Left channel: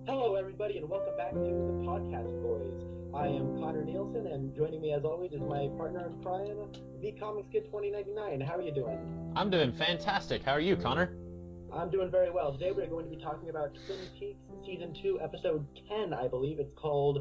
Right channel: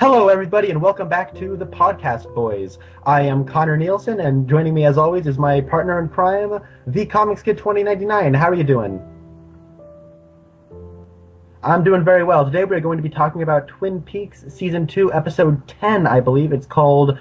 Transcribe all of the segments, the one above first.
Hello, everybody, and welcome back to the Podcast Boys. I am Connor Nielsen, and joining me, as always, is my partner in crime, the Comics Kid 2099. How are you doing? I'm doing fantastic. How are you, Connor? I'm doing very well. Today, we're going to be talking about Twin Peaks Season 2, Episode 10, I believe. It's called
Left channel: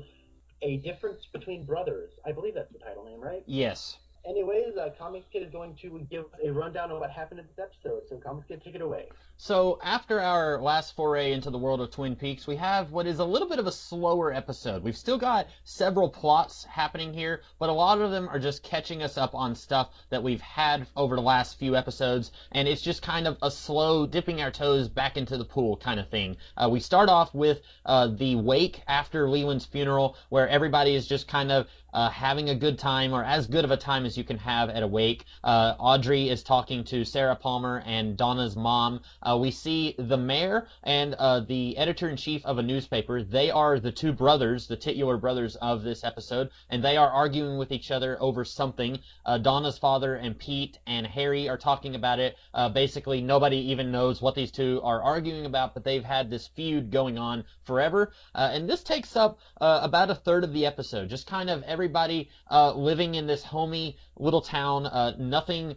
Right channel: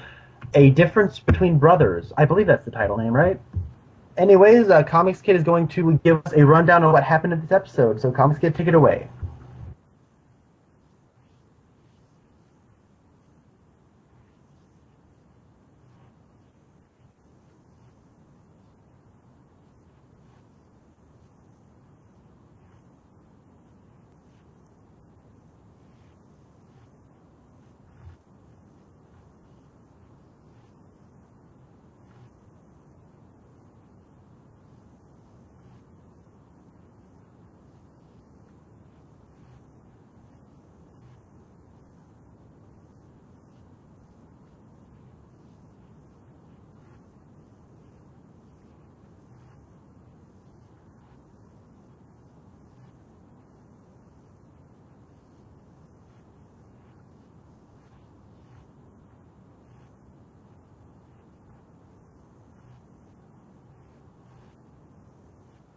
A Difference Between Brothers. I believe that's the title name, right? Yes. Anyways, Comics Kid is going to give us a rundown of what happened in this episode. So, Comics Kid, take it away. So, after our last foray into the world of Twin Peaks, we have what is a little bit of a slower episode. We've still got several plots happening here, but a lot of them are just catching us up on stuff that we've had over the last few episodes, and it's just kind of a slow dipping our toes back into the pool kind of thing. We start off with the wake after Leland's funeral, where everybody is just kind of having a good time, or as good of a time as you can have at a wake. Audrey is talking to Sarah Palmer and Donna's mom. We see the mayor and the editor-in-chief of a newspaper. They are the two brothers, the titular brothers of this episode, and they are arguing with each other over something. Donna's father and Pete and Harry are talking about it. Basically, nobody even knows what these two are arguing about, but they've had this feud going on forever. And this takes up about a third of the episode, just kind of everybody living in this homey little town, nothing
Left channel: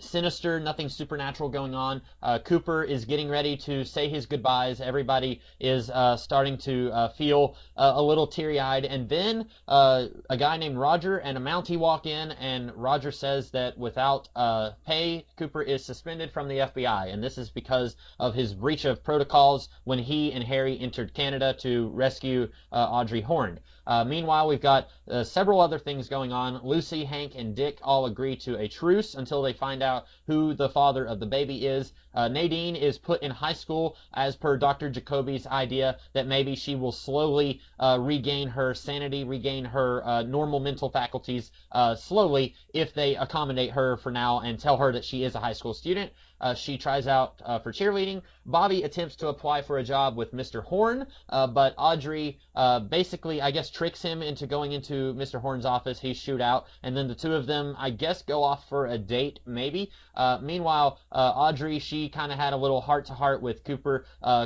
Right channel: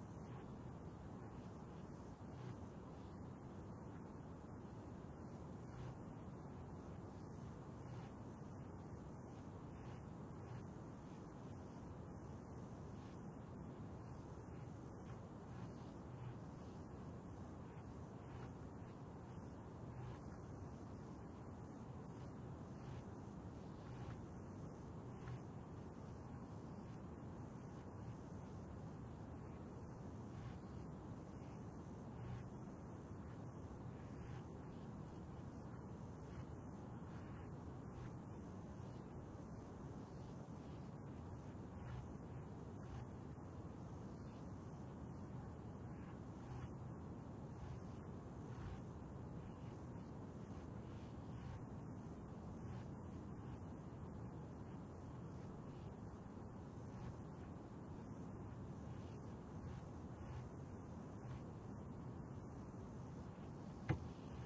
sinister, nothing supernatural going on. Cooper is getting ready to say his goodbyes. Everybody is starting to feel a little teary-eyed, and then a guy named Roger and a Mountie walk in, and Roger says that without pay, Cooper is suspended from the FBI, and this is because of his breach of protocols when he and Harry entered Canada to rescue Audrey Horne. Meanwhile, we've got several other things going on. Lucy, Hank, and Dick all agree to a truce until they find out who the father of the baby is. Nadine is put in high school as per Dr. Jacoby's idea that maybe she will slowly regain her sanity, regain her normal mental faculties slowly if they accommodate her for now and tell her that she is a high school student. She tries out for cheerleading. Bobby attempts to apply for a job with Mr. Horn, but Audrey basically, I guess, tricks him into going into Mr. Horn's office. He's shoot out, and then the two of them, I guess, go off for a date, maybe. Meanwhile, Audrey, she kind of had a little heart-to-heart with Cooper,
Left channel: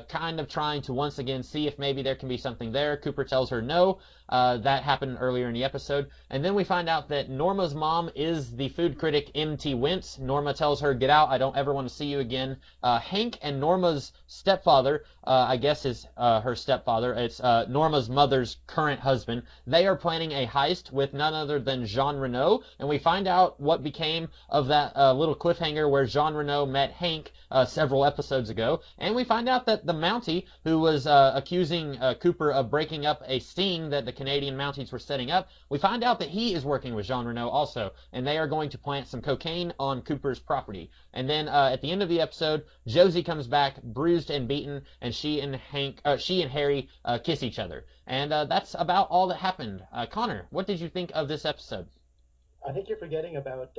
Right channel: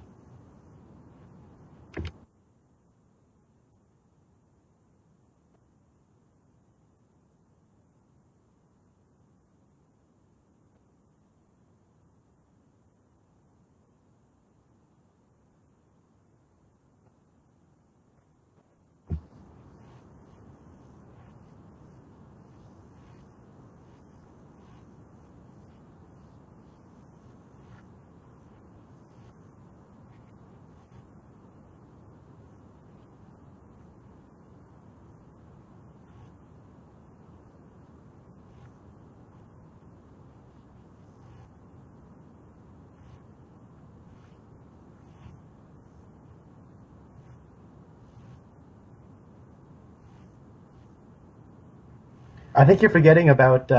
kind of trying to once again see if maybe there can be something there. Cooper tells her no. That happened earlier in the episode. And then we find out that Norma's mom is the food critic M.T. Wentz. Norma tells her, "Get out, I don't ever want to see you again." Hank and Norma's stepfather, I guess is her stepfather, it's Norma's mother's current husband. They are planning a heist with none other than Jean Renault, and we find out what became of that little cliffhanger where Jean Renault met Hank several episodes ago, and we find out that the Mountie, who was accusing Cooper of breaking up a sting that the Canadian Mounties were setting up, we find out that he is working with Jean Renault also, and they are going to plant some cocaine on Cooper's property. And then at the end of the episode, Josie comes back, bruised and beaten, and she and Harry kiss each other. And that's about all that happened. Connor, what did you think of this episode? I think you're forgetting about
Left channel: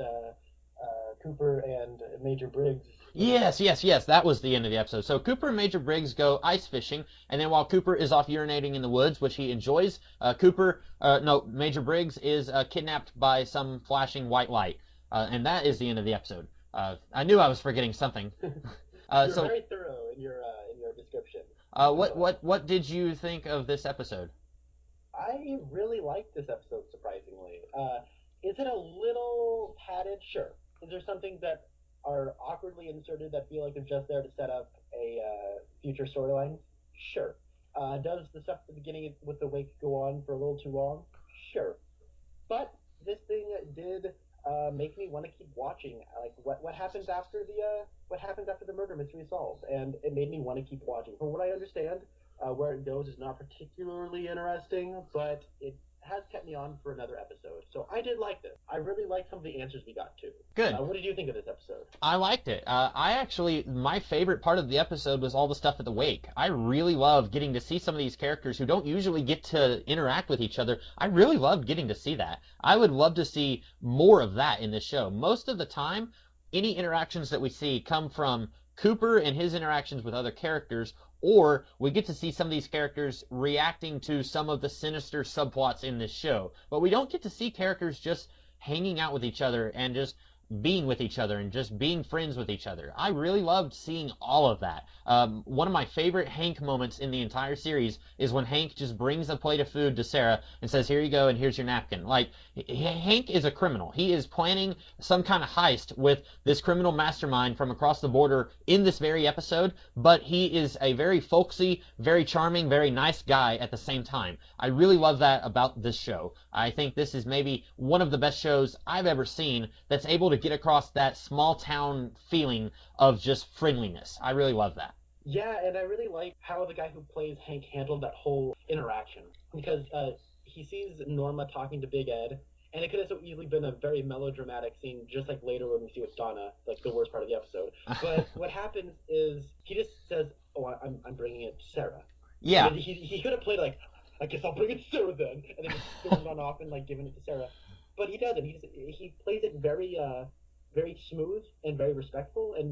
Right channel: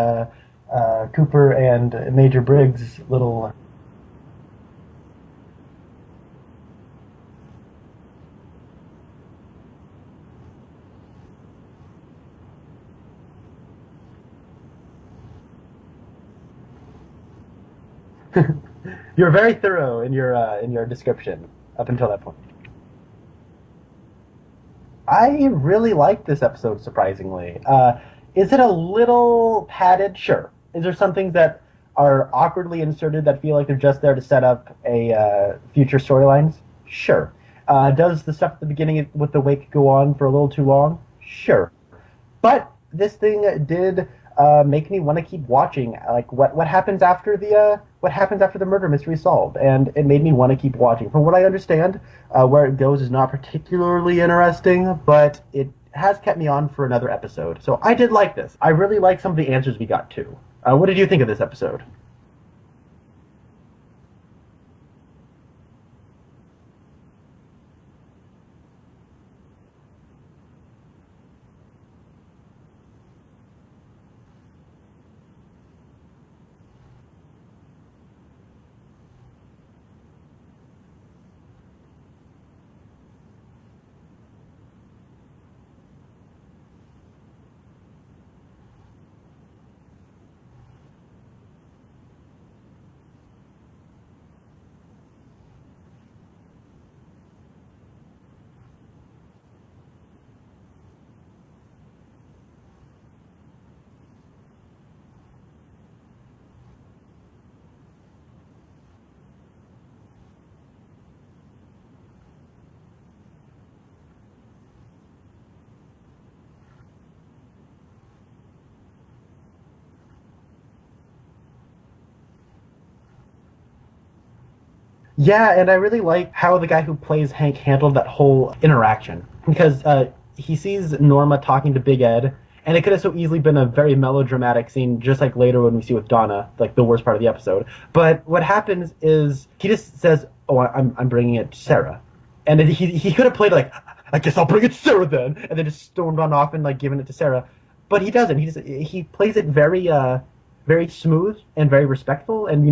Cooper and Major Briggs' little... Yes. That was the end of the episode. So Cooper and Major Briggs go ice fishing, and then while Cooper is off urinating in the woods, which he enjoys, Major Briggs is kidnapped by some flashing white light. And that is the end of the episode. I knew I was forgetting something. You're very thorough in your description. What did you think of this episode? I really liked this episode, surprisingly. Is it a little padded? Sure. Is there some things that are awkwardly inserted that feel like they're just there to set up a future storylines? Sure. Does the stuff at the beginning with the wake go on for a little too long? Sure. But this thing did make me want to keep watching. Like what happens after the murder mystery is solved, and it made me want to keep watching. From what I understand, where it goes is not particularly interesting, but it has kept me on for another episode. So I did like this. I really like some of the answers we got too. Good. What did you think of this episode? I liked it. My favorite part of the episode was all the stuff at the wake. I really loved getting to see some of these characters who don't usually get to interact with each other. I really loved getting to see that. I would love to see more of that in this show. Most of the time, any interactions that we see come from Cooper and his interactions with other characters, or we get to see some of these characters reacting to some of the sinister subplots in this show. But we don't get to see characters just hanging out with each other and just being with each other and just being friends with each other. I really loved seeing all of that. One of my favorite Hank moments in the entire series is when Hank just brings a plate of food to Sarah and says, "Here you go, and here's your napkin." Like, Hank is a criminal. He is planning some kind of heist with this criminal mastermind from across the border in this very episode, but he is a very folksy, very charming, very nice guy at the same time. I really love that about this show. I think this is maybe one of the best shows I've ever seen that's able to get across that small town feeling of just friendliness. I really love that. Yeah, and I really like how the guy who plays Hank handled that whole interaction, because he sees Norma talking to Big Ed, and it could have so easily been a very melodramatic scene, just like later when we see with Donna, like the worst part of the episode. But what happens is he just says, "Oh, I'm bringing it to Sarah," and then he could have played like, "I guess I'll bring it to Sarah then," and then just stormed on off and like giving it to Sarah. But he doesn't. He plays it very very smooth and very respectful, and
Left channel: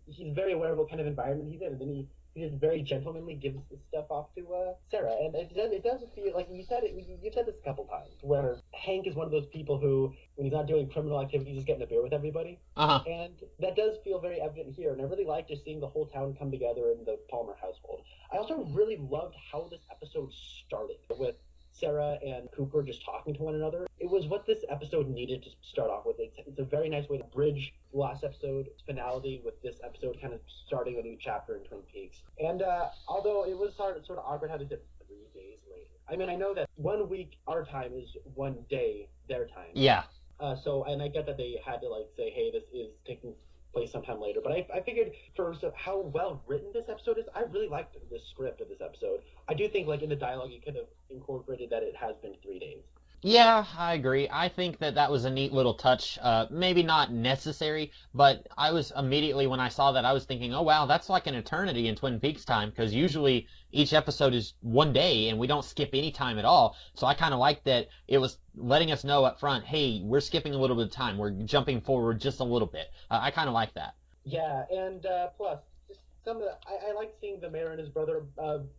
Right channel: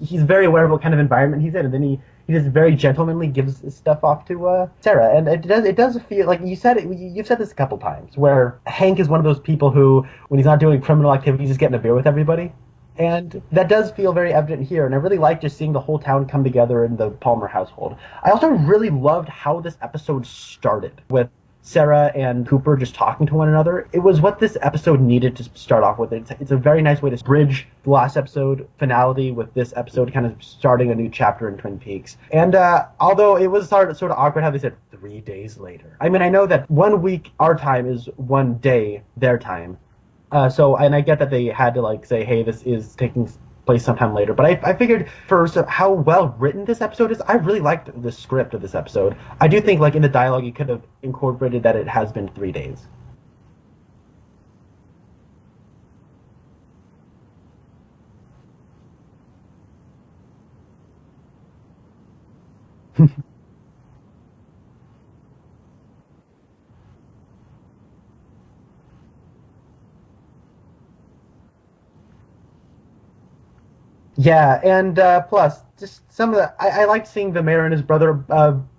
he's very aware of what kind of environment he's in, and then he just very gentlemanly gives his stuff off to Sarah, and it does feel like you've said this a couple times, where Hank is one of those people who, when he's not doing criminal activity, he's just getting a beer with everybody. And that does feel very evident here, and I really like just seeing the whole town come together in the Palmer household. I also really loved how this episode started with Sarah and Cooper just talking to one another. It was what this episode needed to start off with. It's a very nice way to bridge the last episode finality with this episode kind of starting a new chapter in Twin Peaks. And although it was sort of awkward how they said 3 days later. I mean, I know that 1 week our time is 1 day their time. Yeah. And I get that they had to like say, hey, this is taking place sometime later. But I figured for how well written this episode is, I really liked the script of this episode. I do think like in the dialogue you could have incorporated that it has been 3 days. Yeah, I agree. I think that was a neat little touch. Maybe not necessary, but I was immediately, when I saw that, I was thinking, oh wow, that's like an eternity in Twin Peaks time, because usually each episode is 1 day and we don't skip any time at all. So I kind of like that it was letting us know up front, hey, we're skipping a little bit of time. We're jumping forward just a little bit. I kind of like that. Yeah, and plus, just some of the... I liked seeing the mayor and his brother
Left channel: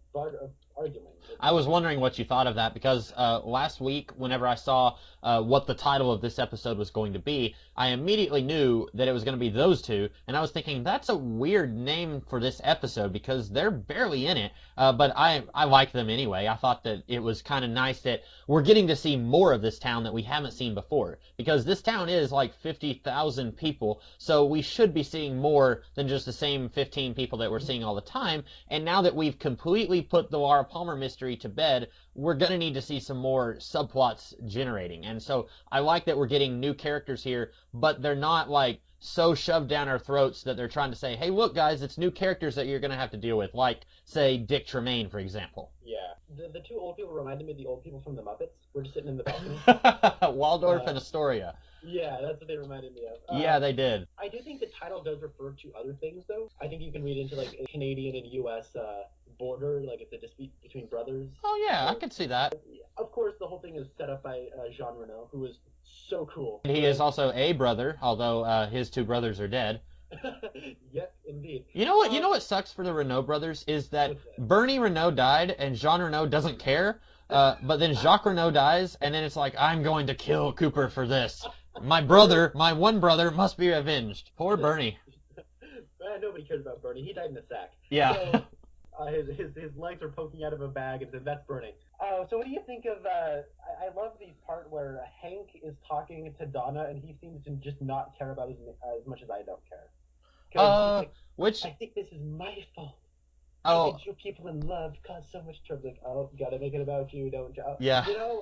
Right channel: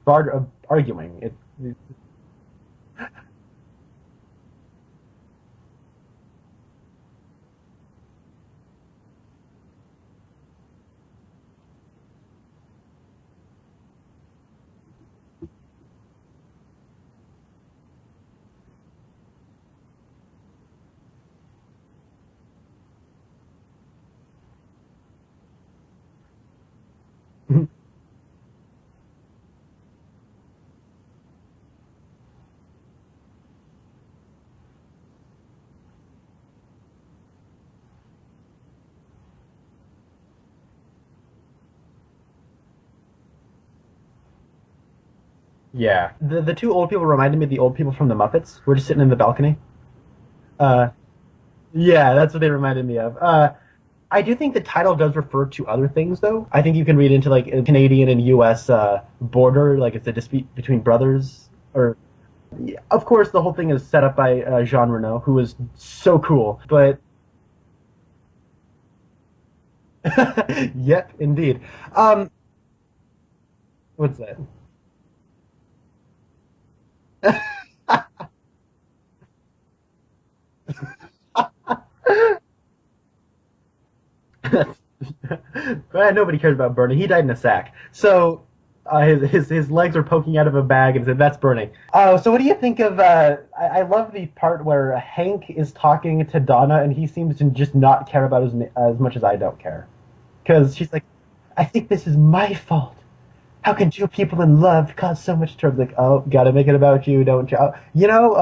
Bart arguing. I was wondering what you thought of that, because last week, whenever I saw what the title of this episode was going to be, I immediately knew that it was going to be those two, and I was thinking, that's a weird name for this episode, because they're barely in it, but I like them anyway. I thought that it was kind of nice that we're getting to see more of this town that we haven't seen before, because this town is like 50,000 people, so we should be seeing more than just the same 15 people that we're seeing all the time, and now that we've completely put the Laura Palmer mystery to bed, we're going to need to see some more subplots generating. And so I like that we're getting new characters here, but they're not like so shoved down our throats that they're trying to say, hey, look, guys, it's new characters that you're going to have to deal with, like, say, Dick Tremaine, for example. Yeah. The two old people reminded me of the old people from the Muppets. We're just sitting in the balcony. Waldorf and Astoria. Yeah, that's what they reminded me of. Yeah, they did. I do think the title does refer to other things, though. I think you can read into, like, a Canadian and U.S. Border, like it's a dispute between brothers. Oh, yeah, I can see that. Of course, the whole thing is set up by Jean Reno, who is so cool. He is also a brother, although his two brothers are dead. Yep, indeed. You know what sucks for the Renault brothers is that Bernie Renault died and Jean Renault doesn't care. But then Jacques Renault dies, and then it's like, I'm going to kill Cooper for this. My one brother, must be avenged. Poor Bernie. Nobody cares about Bernie. He died in a sack. Yeah. So his legs are poking out of a bag, and said, that's Bernie. So what do you think of... I love the part where Hank is talking to Donna, and he seems to just not care about as much as I don't care. Because she's like, I think this is my fault. How can two people in love cause so much trouble? Like, oh, gotta make it about you, don't you? Yeah. You know,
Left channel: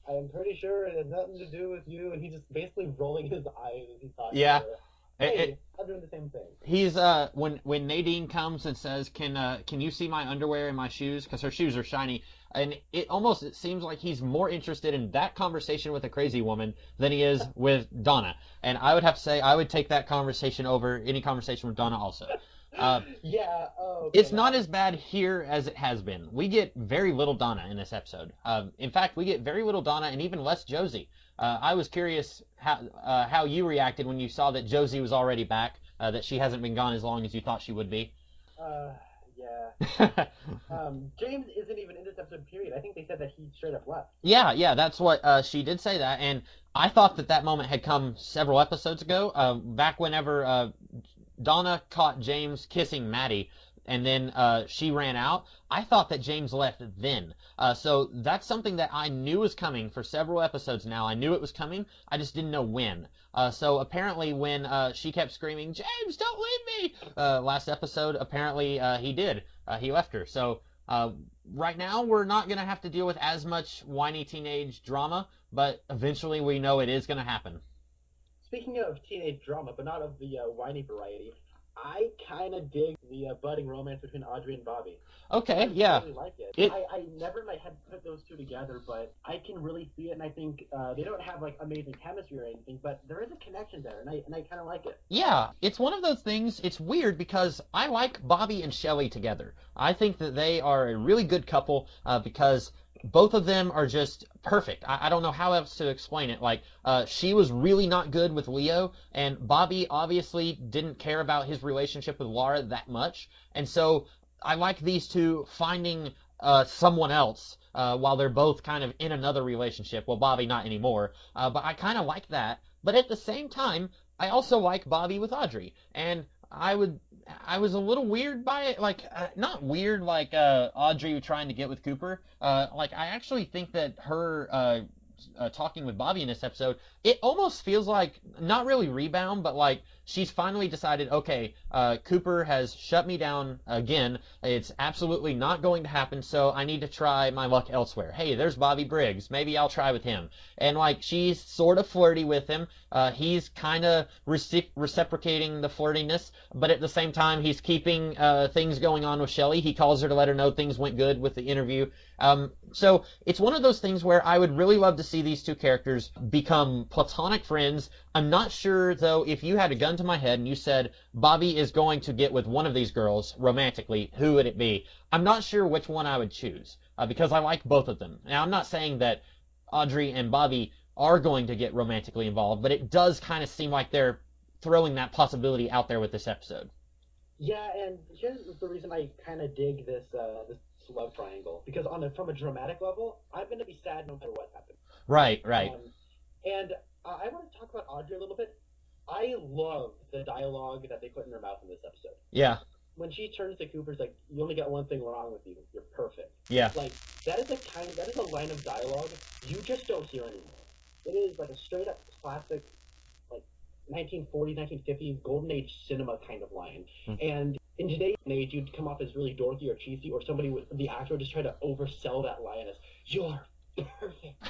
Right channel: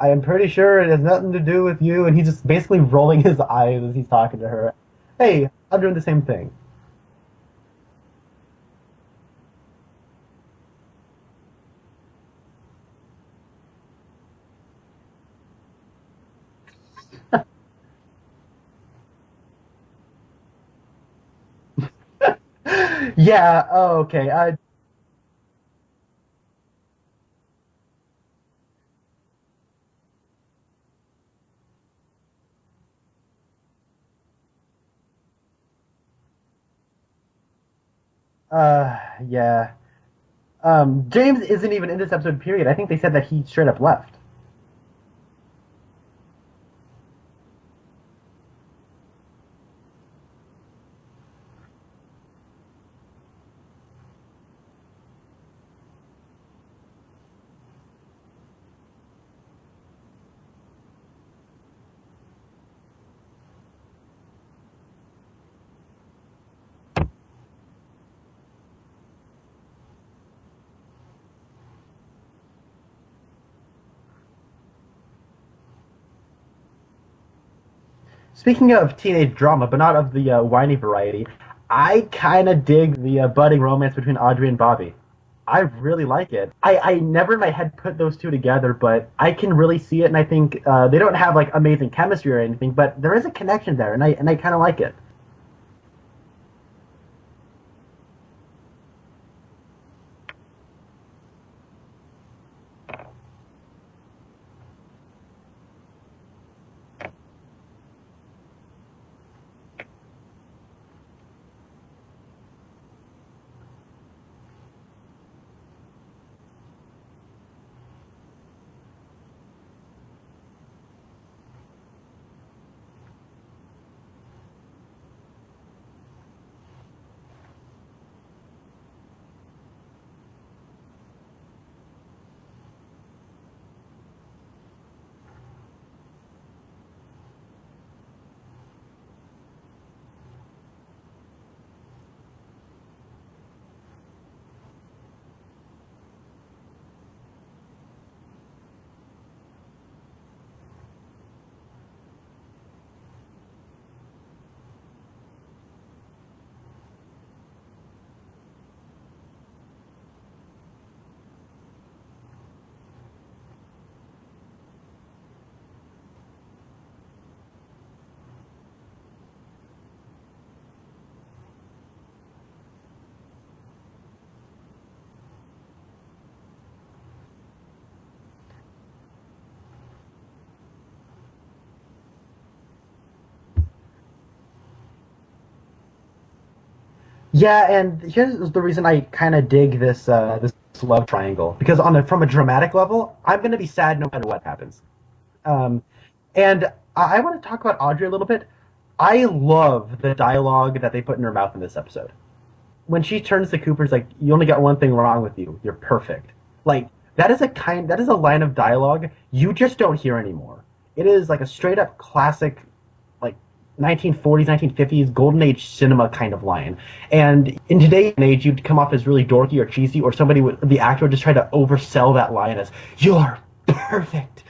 I am pretty sure it has nothing to do with you. And he's just basically rolling his eyes as he's talking to her. Hey, I'm doing the same thing. He's when Nadine comes and says, can you see my underwear and my shoes? Because her shoes are shiny. And it seems like he's more interested in that conversation with a crazy woman than he is with Donna. And I would have to say I would take that conversation over any conversation with Donna also. Yeah, okay. It's not as bad here as it has been. We get very little Donna in this episode. In fact, we get very little Donna and even less Josie. I was curious how you reacted when you saw that Josie was already back, that she hasn't been gone as long as you thought she would be. Yeah. James isn't even in this episode, period. I think they said that he straight up left. Yeah, that's what, she did say that, and I thought that moment had come several episodes ago, back whenever Donna caught James kissing Maddie, and then she ran out. I thought that James left then. So that's something that I knew was coming for several episodes now. I knew it was coming. I just didn't know when. So apparently when she kept screaming, James, don't leave me, last episode, apparently he did. He left her. So right now we're not going to have to deal with as much whiny teenage drama, but eventually we know it is going to happen. Speaking of teenage drama, but not of the whiny variety, I kind of dig the budding romance between Audrey and Bobby. Okay, I yeah. really like it. I never in my head put those two together, but I can really see it, and I think they don't have like amazing chemistry or anything, but there is a connection there, and I kind of like it. Yeah, it's one of those things. It's weird because I like Bobby and Shelley together. I think that they are a really good couple because both of them are just perfect. I don't know how else to explain it. Like, she was really not good with Leo, and Bobby obviously didn't care about his relationship with Laura that much, and so I like these two finding someone else while they're both kind of in another relationship. Well, Bobby not anymore, but I kind of like that. But at the same time, I also like Bobby with Audrey, and I was a little weird by it, like not weird like Audrey trying to get with Cooper. Like I actually think that her talking with Bobby in this episode, it almost feels like not really rebound, but like she's finally decided, okay, Cooper has shut me down again. It's absolutely not going to happen, so I need to try my luck elsewhere. Hey, there's Bobby Briggs. Maybe I'll try with him. And, like, she's sort of flirty with him. He's kind of reciprocating the flirtiness, but at the same time, he's keeping things going on with Shelley. He calls her to let her know things went good with the interview. So it's one of those things where I would really love to see these two characters become platonic friends. I'm not sure, though, if you had a gun to my head and you said Bobby is going to get with one of these girls romantically, who would it be? I'm not sure which one I would choose because I like both of them. Now, I'm not saying that Audrey and Bobby are going to get romantically involved, but it does kind of seem like they're throwing that possibility out there with this episode. Yeah, and here's the reason I kind of dig this love triangle, because from a dramatic level, I'm going to be sad no matter what happens. Right. And I want to talk about Audrey a little bit. I love the dialogue that they put in her mouth in this episode. Yeah. When she turns to Cooper, it's like, you only got one thing wrong with you. You're perfect. Yeah. Like, that is a line of dialogue you just don't hear anymore. It is like a straight up classic, like 1940s, 1950s golden age cinema kind of line. And in today's age, you'd come off as really dorky or cheesy, or the actor would just try to oversell that line as, you're perfect.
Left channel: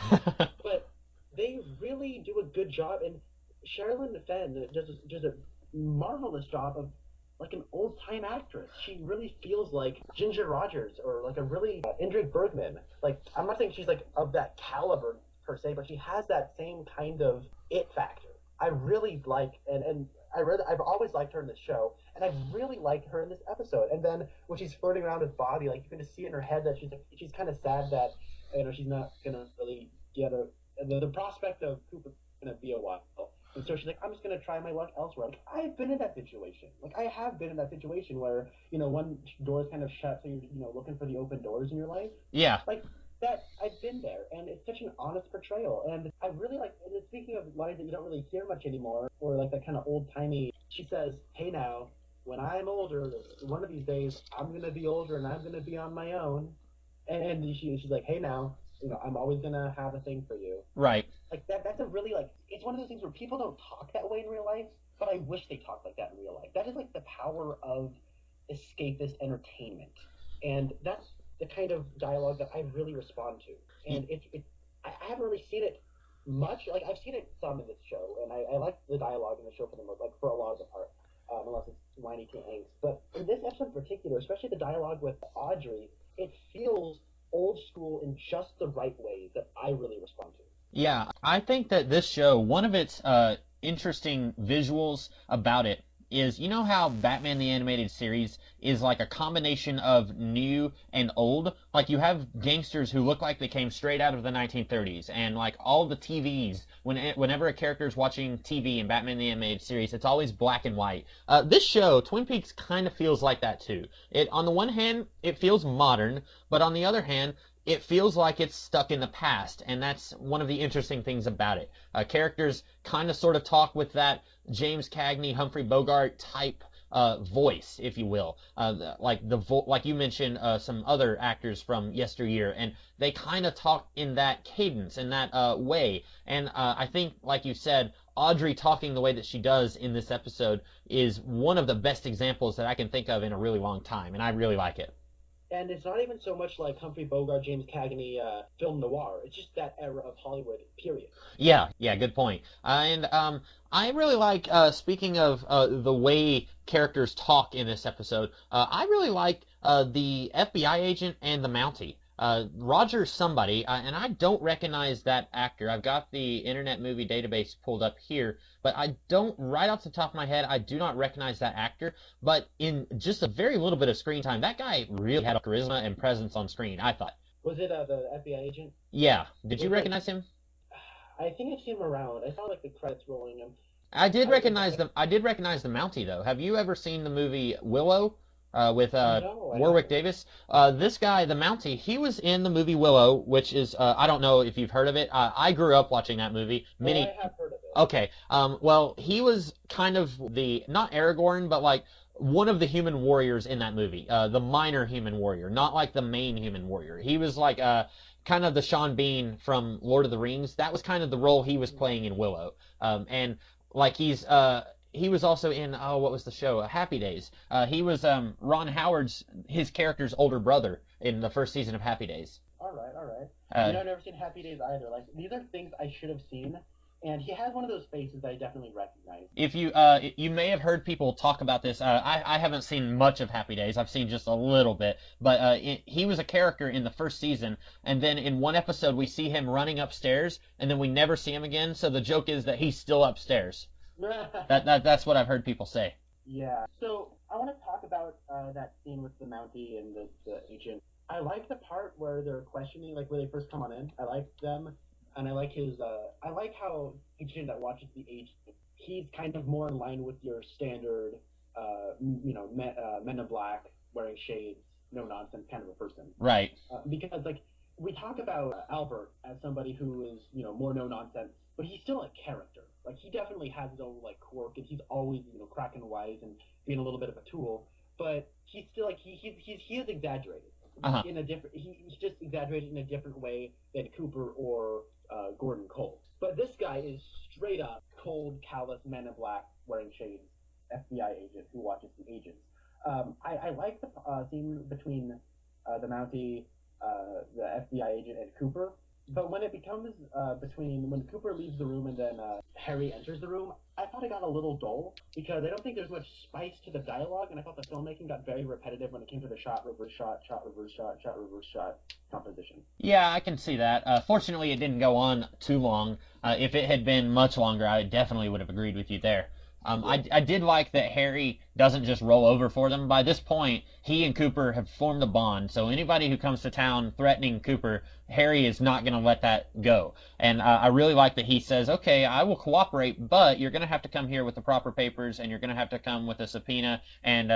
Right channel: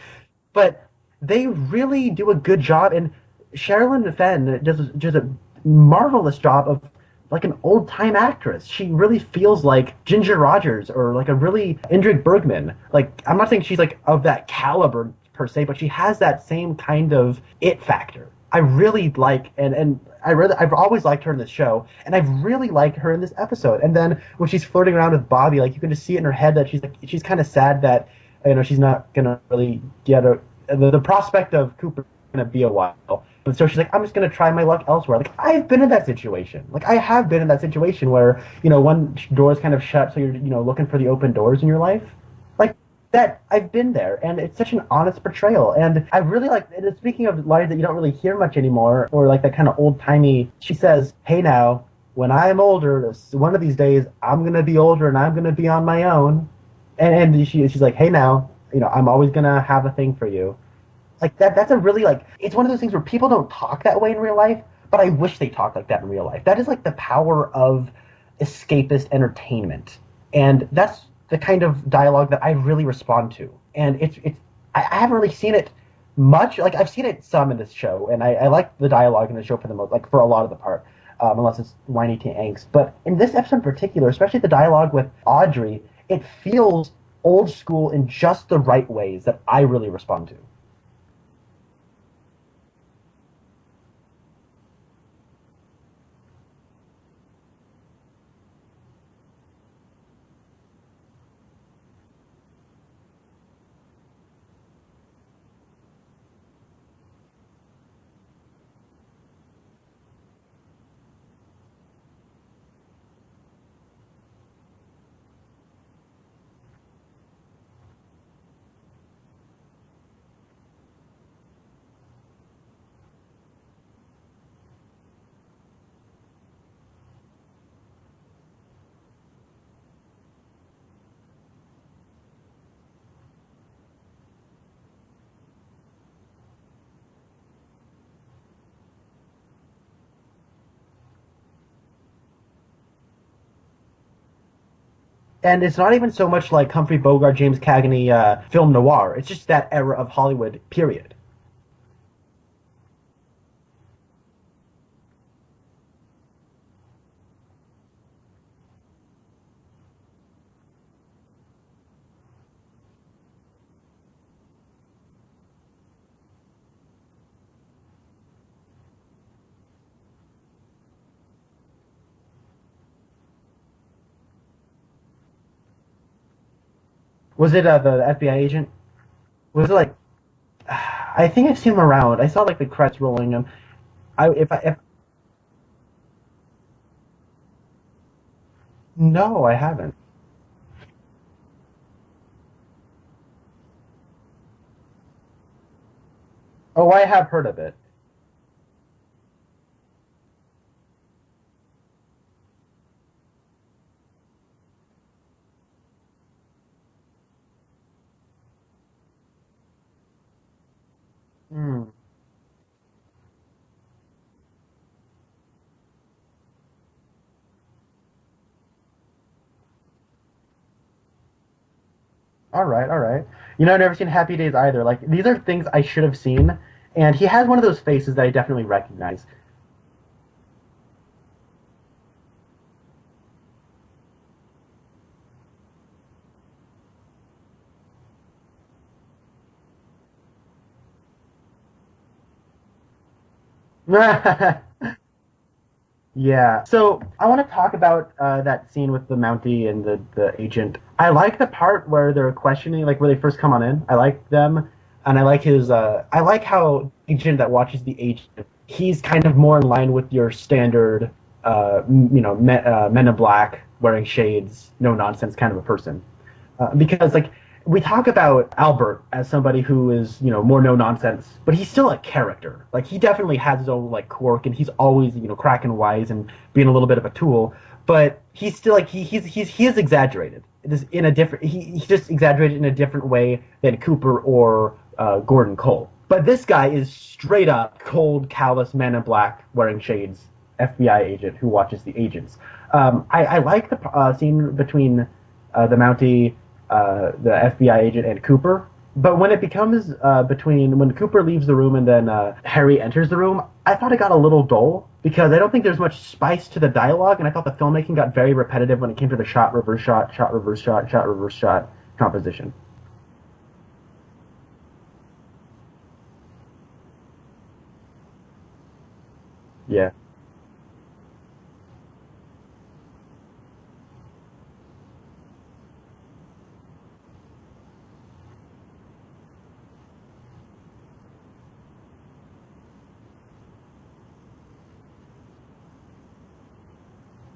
But they really do a good job, and Sherilyn Fenn does a marvelous job of like an old-time actress. She really feels like Ginger Rogers or like a really Ingrid Bergman. Like, I'm not saying she's like of that caliber per se, but she has that same kind of it factor. I really like, and I've always liked her in this show, and I've really liked her in this episode. And then when she's flirting around with Bobby, like you can just see it in her head that she's kind of sad that, you know, she's not gonna really get the prospect of Cooper gonna be a while. And so she's like, I'm just gonna try my luck elsewhere. Like, I've been in that situation. Like, I have been in that situation where, you know, one door is kind of shut, so you're, you know, looking for the open doors in your life. Yeah. Like that, I've been there, and it's such an honest portrayal. And I really like. And speaking of lines that you don't really hear much anymore, or like that kind of old timey, she says, "Hey now, when I'm older, one of these days, I'm gonna be older and I'm gonna be on my own." And she's like, "Hey now, you know, I'm always gonna have a thing for you." Right. Like that's a really, like, it's one of those things where people don't talk that way in real life, but I wish they talked like that in real life. That is like the power of escapist entertainment, and that's the kind of dialogue that I really respond to. And I haven't really seen it much. Like, I've seen it some in this show, and I like the dialogue in the show for the most, like for a lot of the part, unless it's whiny teen angst. But in this episode in particular, especially the dialogue with Audrey, it feels old school in just the right ways that I really respond to. Yeah, I think that this show, one of its interesting visuals about it is, you know how Batman the Animated Series is like a combination of new and old? Like, you have gangsters who look like they came straight out of the 1930s, and like all the TVs, whenever a character is watching TV in Batman the Animated Series, it's always black and white. This show, Twin Peaks, kind of feels like that too. On the one hand, it feels modern, but on the other hand, it feels like it's stuck in the past, and that's one of the interesting things about it. Characters kind of sort of talk with that James Cagney, Humphrey Bogart type voice, if you will, like you mentioned some other actors from yesteryear, and they kind of talk in that cadence, in that way. And I think, like you said, Audrey talking the way that she does in this episode is one of the best examples that I can think of in a really long time, and I really like it. And it's not even so much like Humphrey Bogart, James Cagney film noir. It's just that era of Hollywood, period. Yeah, good point. And I really like, speaking of the way characters talk in this episode, I really like the FBI agent and the Mountie. Roger somebody, and I don't recognize that actor. I've got the Internet Movie Database pulled up here, but I don't, right off the top of my head, I do not recognize that actor. But in just a very little bit of screen time, that guy really had a charisma and presence on screen, I thought. Was it the FBI agent? Yeah. Did Was you it recognize him? I think I've seen him around. I saw like the credits rolling him. I did recognize the Mountie though. Have you ever seen the movie Willow with No, I Warwick haven't. Davis? This guy, the Mountie, he was in the movie Willow, which is I don't know if you've heard of it. I grew up watching that movie. Oh, I have heard of it. Okay. Well, he was kind of the not Aragorn, but like one of the human warriors in that movie. The minor human warrior, not like the main human warrior. He was like kind of the Sean Bean from Lord of the Rings. That was kind of the role he was playing in Willow. And like he was also in what was the show? Happy Days. He was Ron Howard's his character's older brother in the first season of Happy Days. All right. I've never seen Happy Days either. Like these are things I should have seen, and he has one of those faces that I definitely recognize. If you may have heard people talk about this. I haven't seen much of Happy Days. I've seen just a little bit, but he was a character in the first season, and then in one episode we see him running upstairs, and then we never see him again. So the joke is that he's still upstairs. That's what I've heard people say. Yeah. So I want to talk about that scene with the Mountie and the agent. I like the part where they're questioning, like where they first come on in. I like them, and I like his. I like how agent that watches the agent. He's kind of more in line with your standard, Men in Black, wearing shades, no nonsense kind of a person. Right. Because like. We talk about Albert as somebody who is, more no nonsense, but he's still a character. Like he definitely has his own like quirk, and he's always, cracking wise and being a little bit of a tool. But he's still like he is exaggerated. In a different he's just exaggerated in a different way than Cooper or Gordon Cole. But this guy is straight up cold, callous man in black wearing shades, FBI agent who watches the agents. I like the scene between the Mountie. The FBI agent and Cooper. But when it becomes when Cooper leaves the room and then Harry enters the room, I thought it got a little dull because I don't think there's much spice to the dialogue, and I thought the filmmaking got very repetitive when it came to the shot, reverse shot, shot, reverse shot, shot, reverse shot composition. Yeah, I can see that. Fortunately, it didn't go on too long. If it had been much longer, I definitely would have agreed with you there. Yeah. I did like that Harry doesn't just roll over for them. By this point, he and Cooper have formed a bond, so anybody who comes to town threatening Cooper, Harry is not going to let that go. And I really like that he says, okay, I will cooperate, but you're going to have to come here with the proper papers, and you're going to have to come with a subpoena, and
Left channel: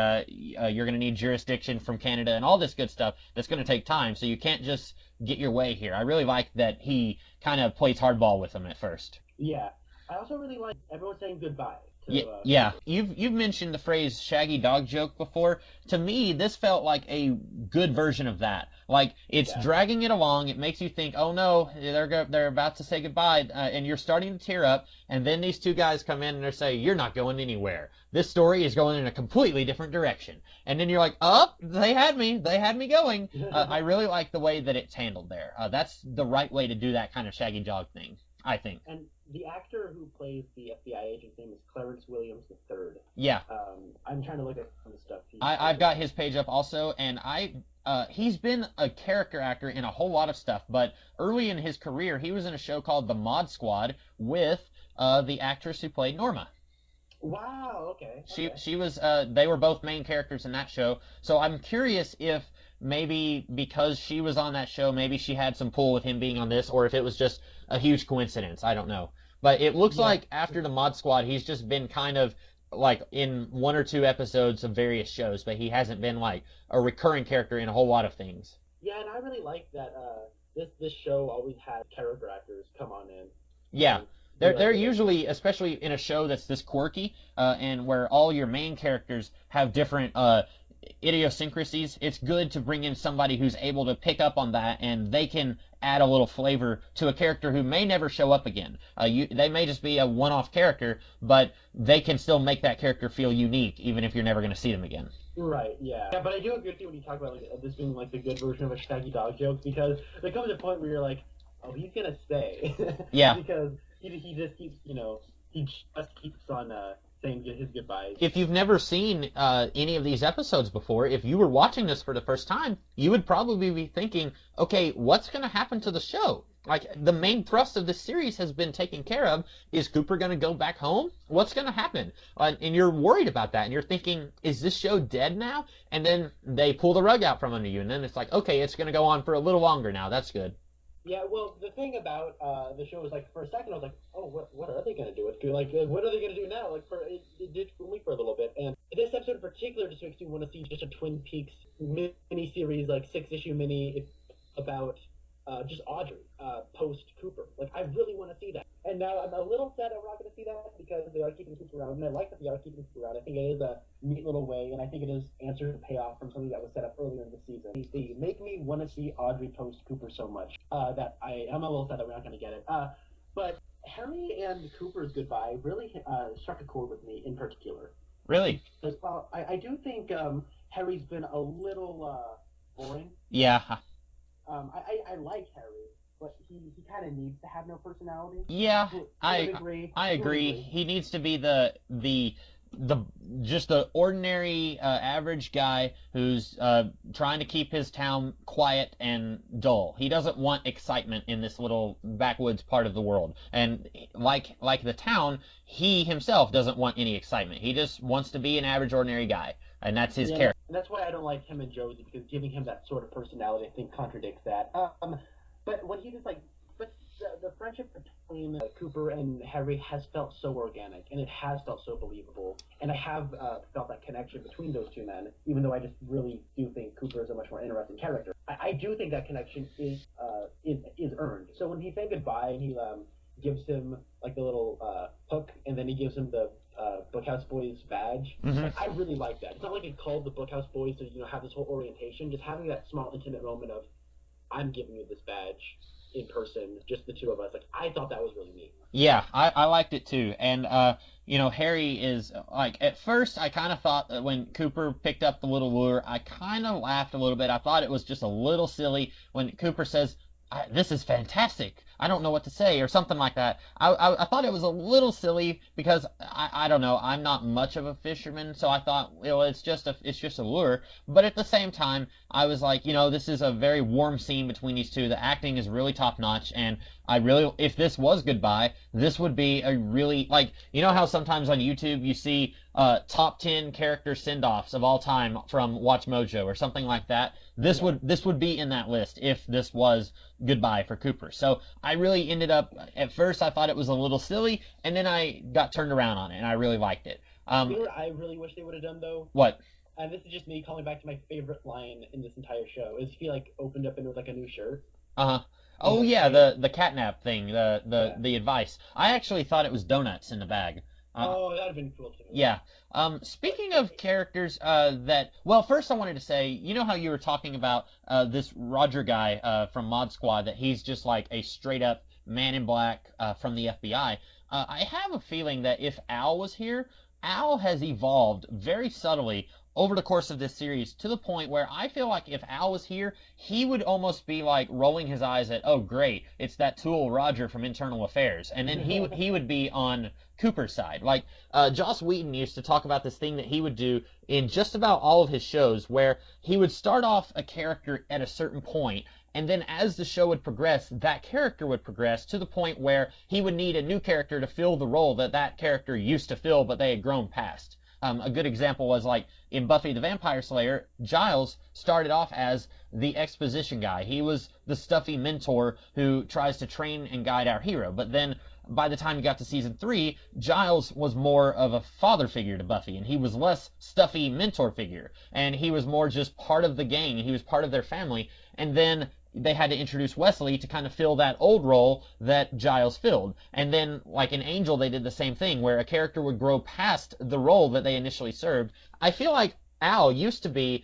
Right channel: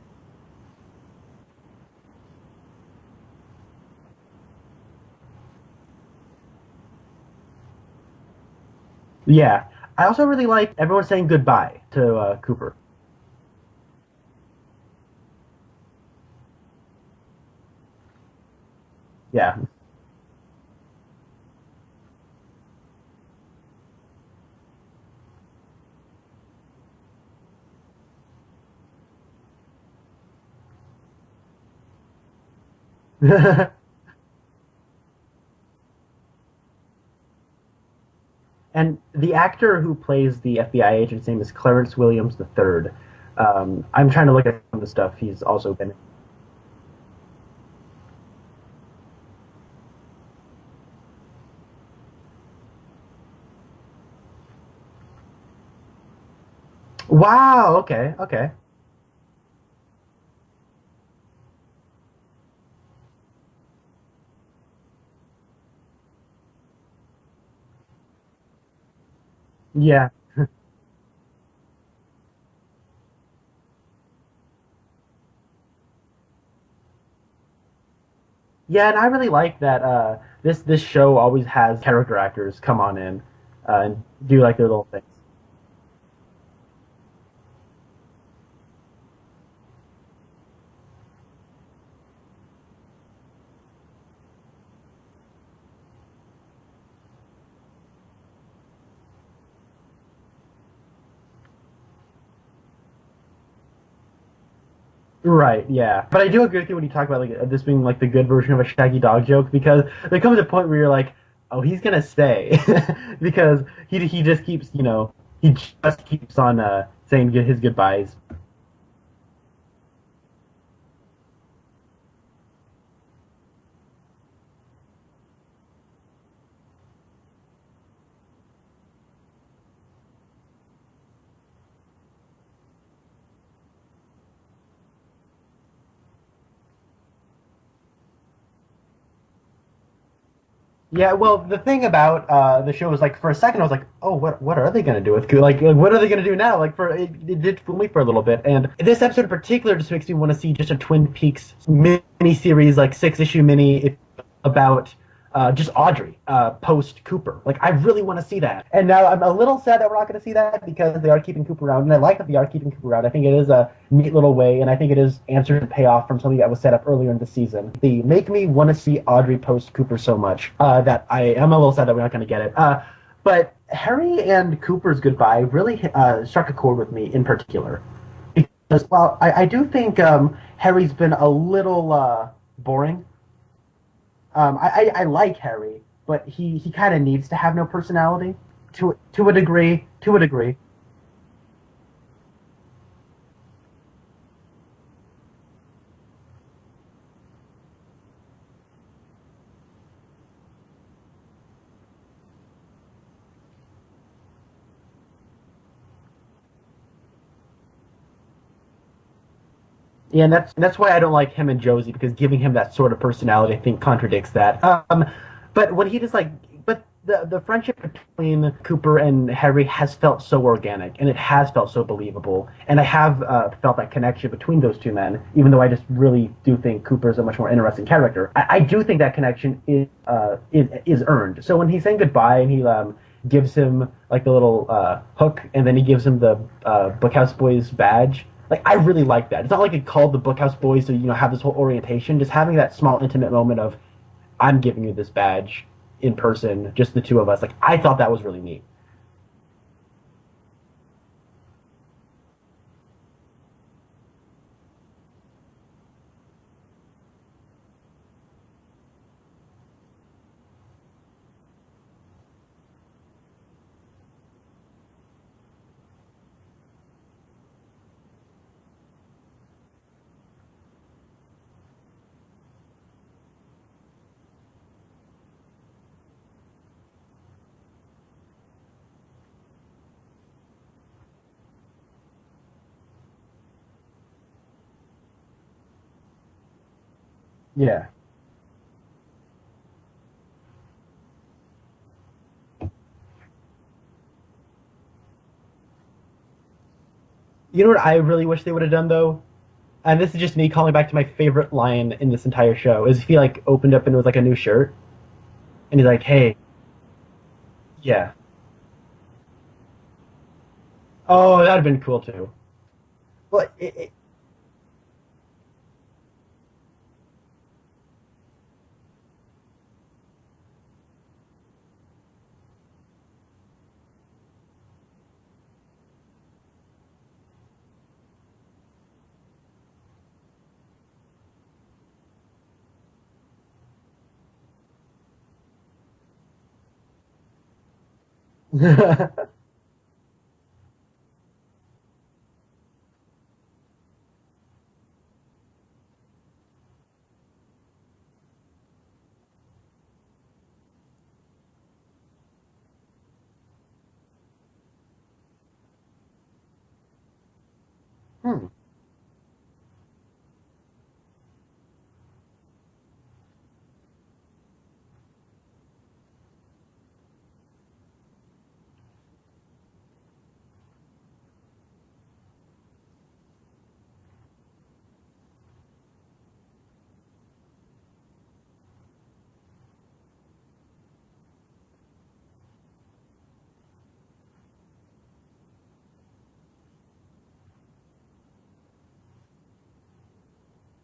you're going to need jurisdiction from Canada, and all this good stuff that's going to take time, so you can't just get your way here. I really like that he kind of plays hardball with them at first. Yeah. I also really like everyone saying goodbye to Cooper. Yeah, you've mentioned the phrase shaggy dog joke before. To me, this felt like a good version of that. Like, it's dragging it along. It makes you think, oh no, they're about to say goodbye, and you're starting to tear up, and then these two guys come in and they say, you're not going anywhere. This story is going in a completely different direction. And then you're like, oh, they had me going. I really like the way that it's handled there. That's the right way to do that kind of shaggy dog thing, I think. And the actor who plays the FBI agent's name is Clarence Williams III. Yeah. I'm trying to look at some of the stuff he's also I've got his page up also, and he's been a character actor in a whole lot of stuff, but early in his career, he was in a show called The Mod Squad with the actress who played Norma. Wow, okay. She was, they were both main characters in that show, so I'm curious if maybe because she was on that show, maybe she had some pull with him being on this, or if it was just a huge coincidence. I don't know. But it looks like after the Mod Squad, he's just been kind of like in one or two episodes of various shows, but he hasn't been like a recurring character in a whole lot of things. Yeah, and I really like that this show always has character actors come on in, uh, Yeah, do like their they're little thing. usually, especially in a show that's this quirky, and where all your main characters have different idiosyncrasies. It's good to bring in somebody who's able to pick up on that, and they can add a little flavor to a character who may never show up again. They may just be a one-off character, but they can still make that character feel unique, even if you're never going to see them again. Right, yeah. But I do agree with you when you talk about like this being like the good version of a Shaggy Dog joke because there comes a point where you're like, oh, he's gonna stay Yeah. because he just keeps he just keeps on saying his goodbyes. If you've never seen any of these episodes before, if you were watching this for the first time, you would probably be thinking, okay, what's going to happen to the show? Like, the main thrust of this series has been taken care of. Is Cooper going to go back home? What's going to happen? And you're worried about that, and you're thinking, is this show dead now? And then they pull the rug out from under you, and then it's like, okay, it's going to go on for a little longer now. That's good. Yeah, well, the thing about the show is like for a second I was like, oh, what are they gonna do with Cooper? Like what are they gonna do now? Like it did fool me for a little bit, and this episode in particular just makes me want to see just a Twin Peaks mini series, like 6-issue mini about just Audrey post Cooper. Like I really want to see that, and now I'm a little sad that we're not going to see that because they are keeping Cooper around, and I like that they are keeping Cooper around. I think it is a neat little way, and I think it is answer to payoff from something that was set up earlier in the season. They make me want to see Audrey post Cooper so much that I am a little sad that we're not going to get it. But Harry and Cooper's goodbye really struck a chord with me in particular. Really? Because while I do think Harry's been a little boring. Yeah. I like Harry, but he kind of needs to have no personality. Yeah. To a degree. I To a agree. degree. He needs to be the just the ordinary average guy who's trying to keep his town quiet and dull. He doesn't want excitement in this little backwoods part of the world. And like the town, he himself doesn't want any excitement. He just wants to be an average ordinary guy. And that's Yeah, his and character. that's why I don't like him and Josie, because giving him that sort of personality, I think, contradicts that. But when he just but the friendship between Cooper and Harry has felt so organic, and it has felt so believable, and I have felt that connection between those two men, even though I just really do think Cooper is a much more interesting character. I do think that connection is earned. So when he's saying goodbye and he gives him like the little hook, and then he gives him the Bookhouse Boys badge. Like I really like that. It's not like it called the Bookhouse Boys to have this whole orientation. Just having that small intimate moment of, I'm giving you this badge in person, just the two of us. Like I thought that was really neat. Yeah, I liked it too. And Harry is like, at first I kind of thought that when Cooper picked up the little lure, I kind of laughed a little bit. I thought it was just a little silly when Cooper says, "This is fantastic. I don't know what to say," or something like that. I thought it was a little silly because I don't know. I'm not much of a fisherman, so I thought, it's just a lure. But at the same time, I was like, this is a very warm scene between these two. The acting is really top notch, and if this was goodbye, this would be a really, like, how sometimes on YouTube you see top 10 character send-offs of all time from Watch Mojo or something like that. Yeah. This would be in that list if this was goodbye for Cooper. So I really ended up, at first I thought it was a little silly, and then I got turned around on it, and I really liked it. You know what I really wish they would have done though? What? And this is just me calling back to my favorite line in this entire show. Is he opened up and it was like a new shirt, Uh-huh. and he's like, yeah, hey. the catnap thing, Yeah. the advice. I actually thought it was donuts in the bag. Oh, that'd have been cool too. Yeah. Speaking of characters first I wanted to say, how you were talking about this Roger guy from Mod Squad, that he's just like a straight up man in black from the FBI. I have a feeling that if Al was here, Al has evolved very subtly over the course of this series to the point where I feel like if Al was here, he would almost be like rolling his eyes at, oh great, it's that tool Roger from Internal Affairs, and then he would be on Cooper's side. Like Joss Whedon used to talk about this thing that he would do in just about all of his shows, where he would start off a character at a certain point, and then as the show would progress, that character would progress to the point where he would need a new character to fill the role that character used to fill, but they had grown past. A good example was like in Buffy the Vampire Slayer, Giles started off as the exposition guy. He was the stuffy mentor who tries to train and guide our hero. But then by the time you got to season 3, Giles was more of a father figure to Buffy, and he was less stuffy mentor figure, and he was more just part of the gang, he was part of their family, and then they had to introduce Wesley to kind of fill that old role that Giles filled. And then, like in Angel, they did the same thing, where a character would grow past the role that they initially served. I feel like Al used to be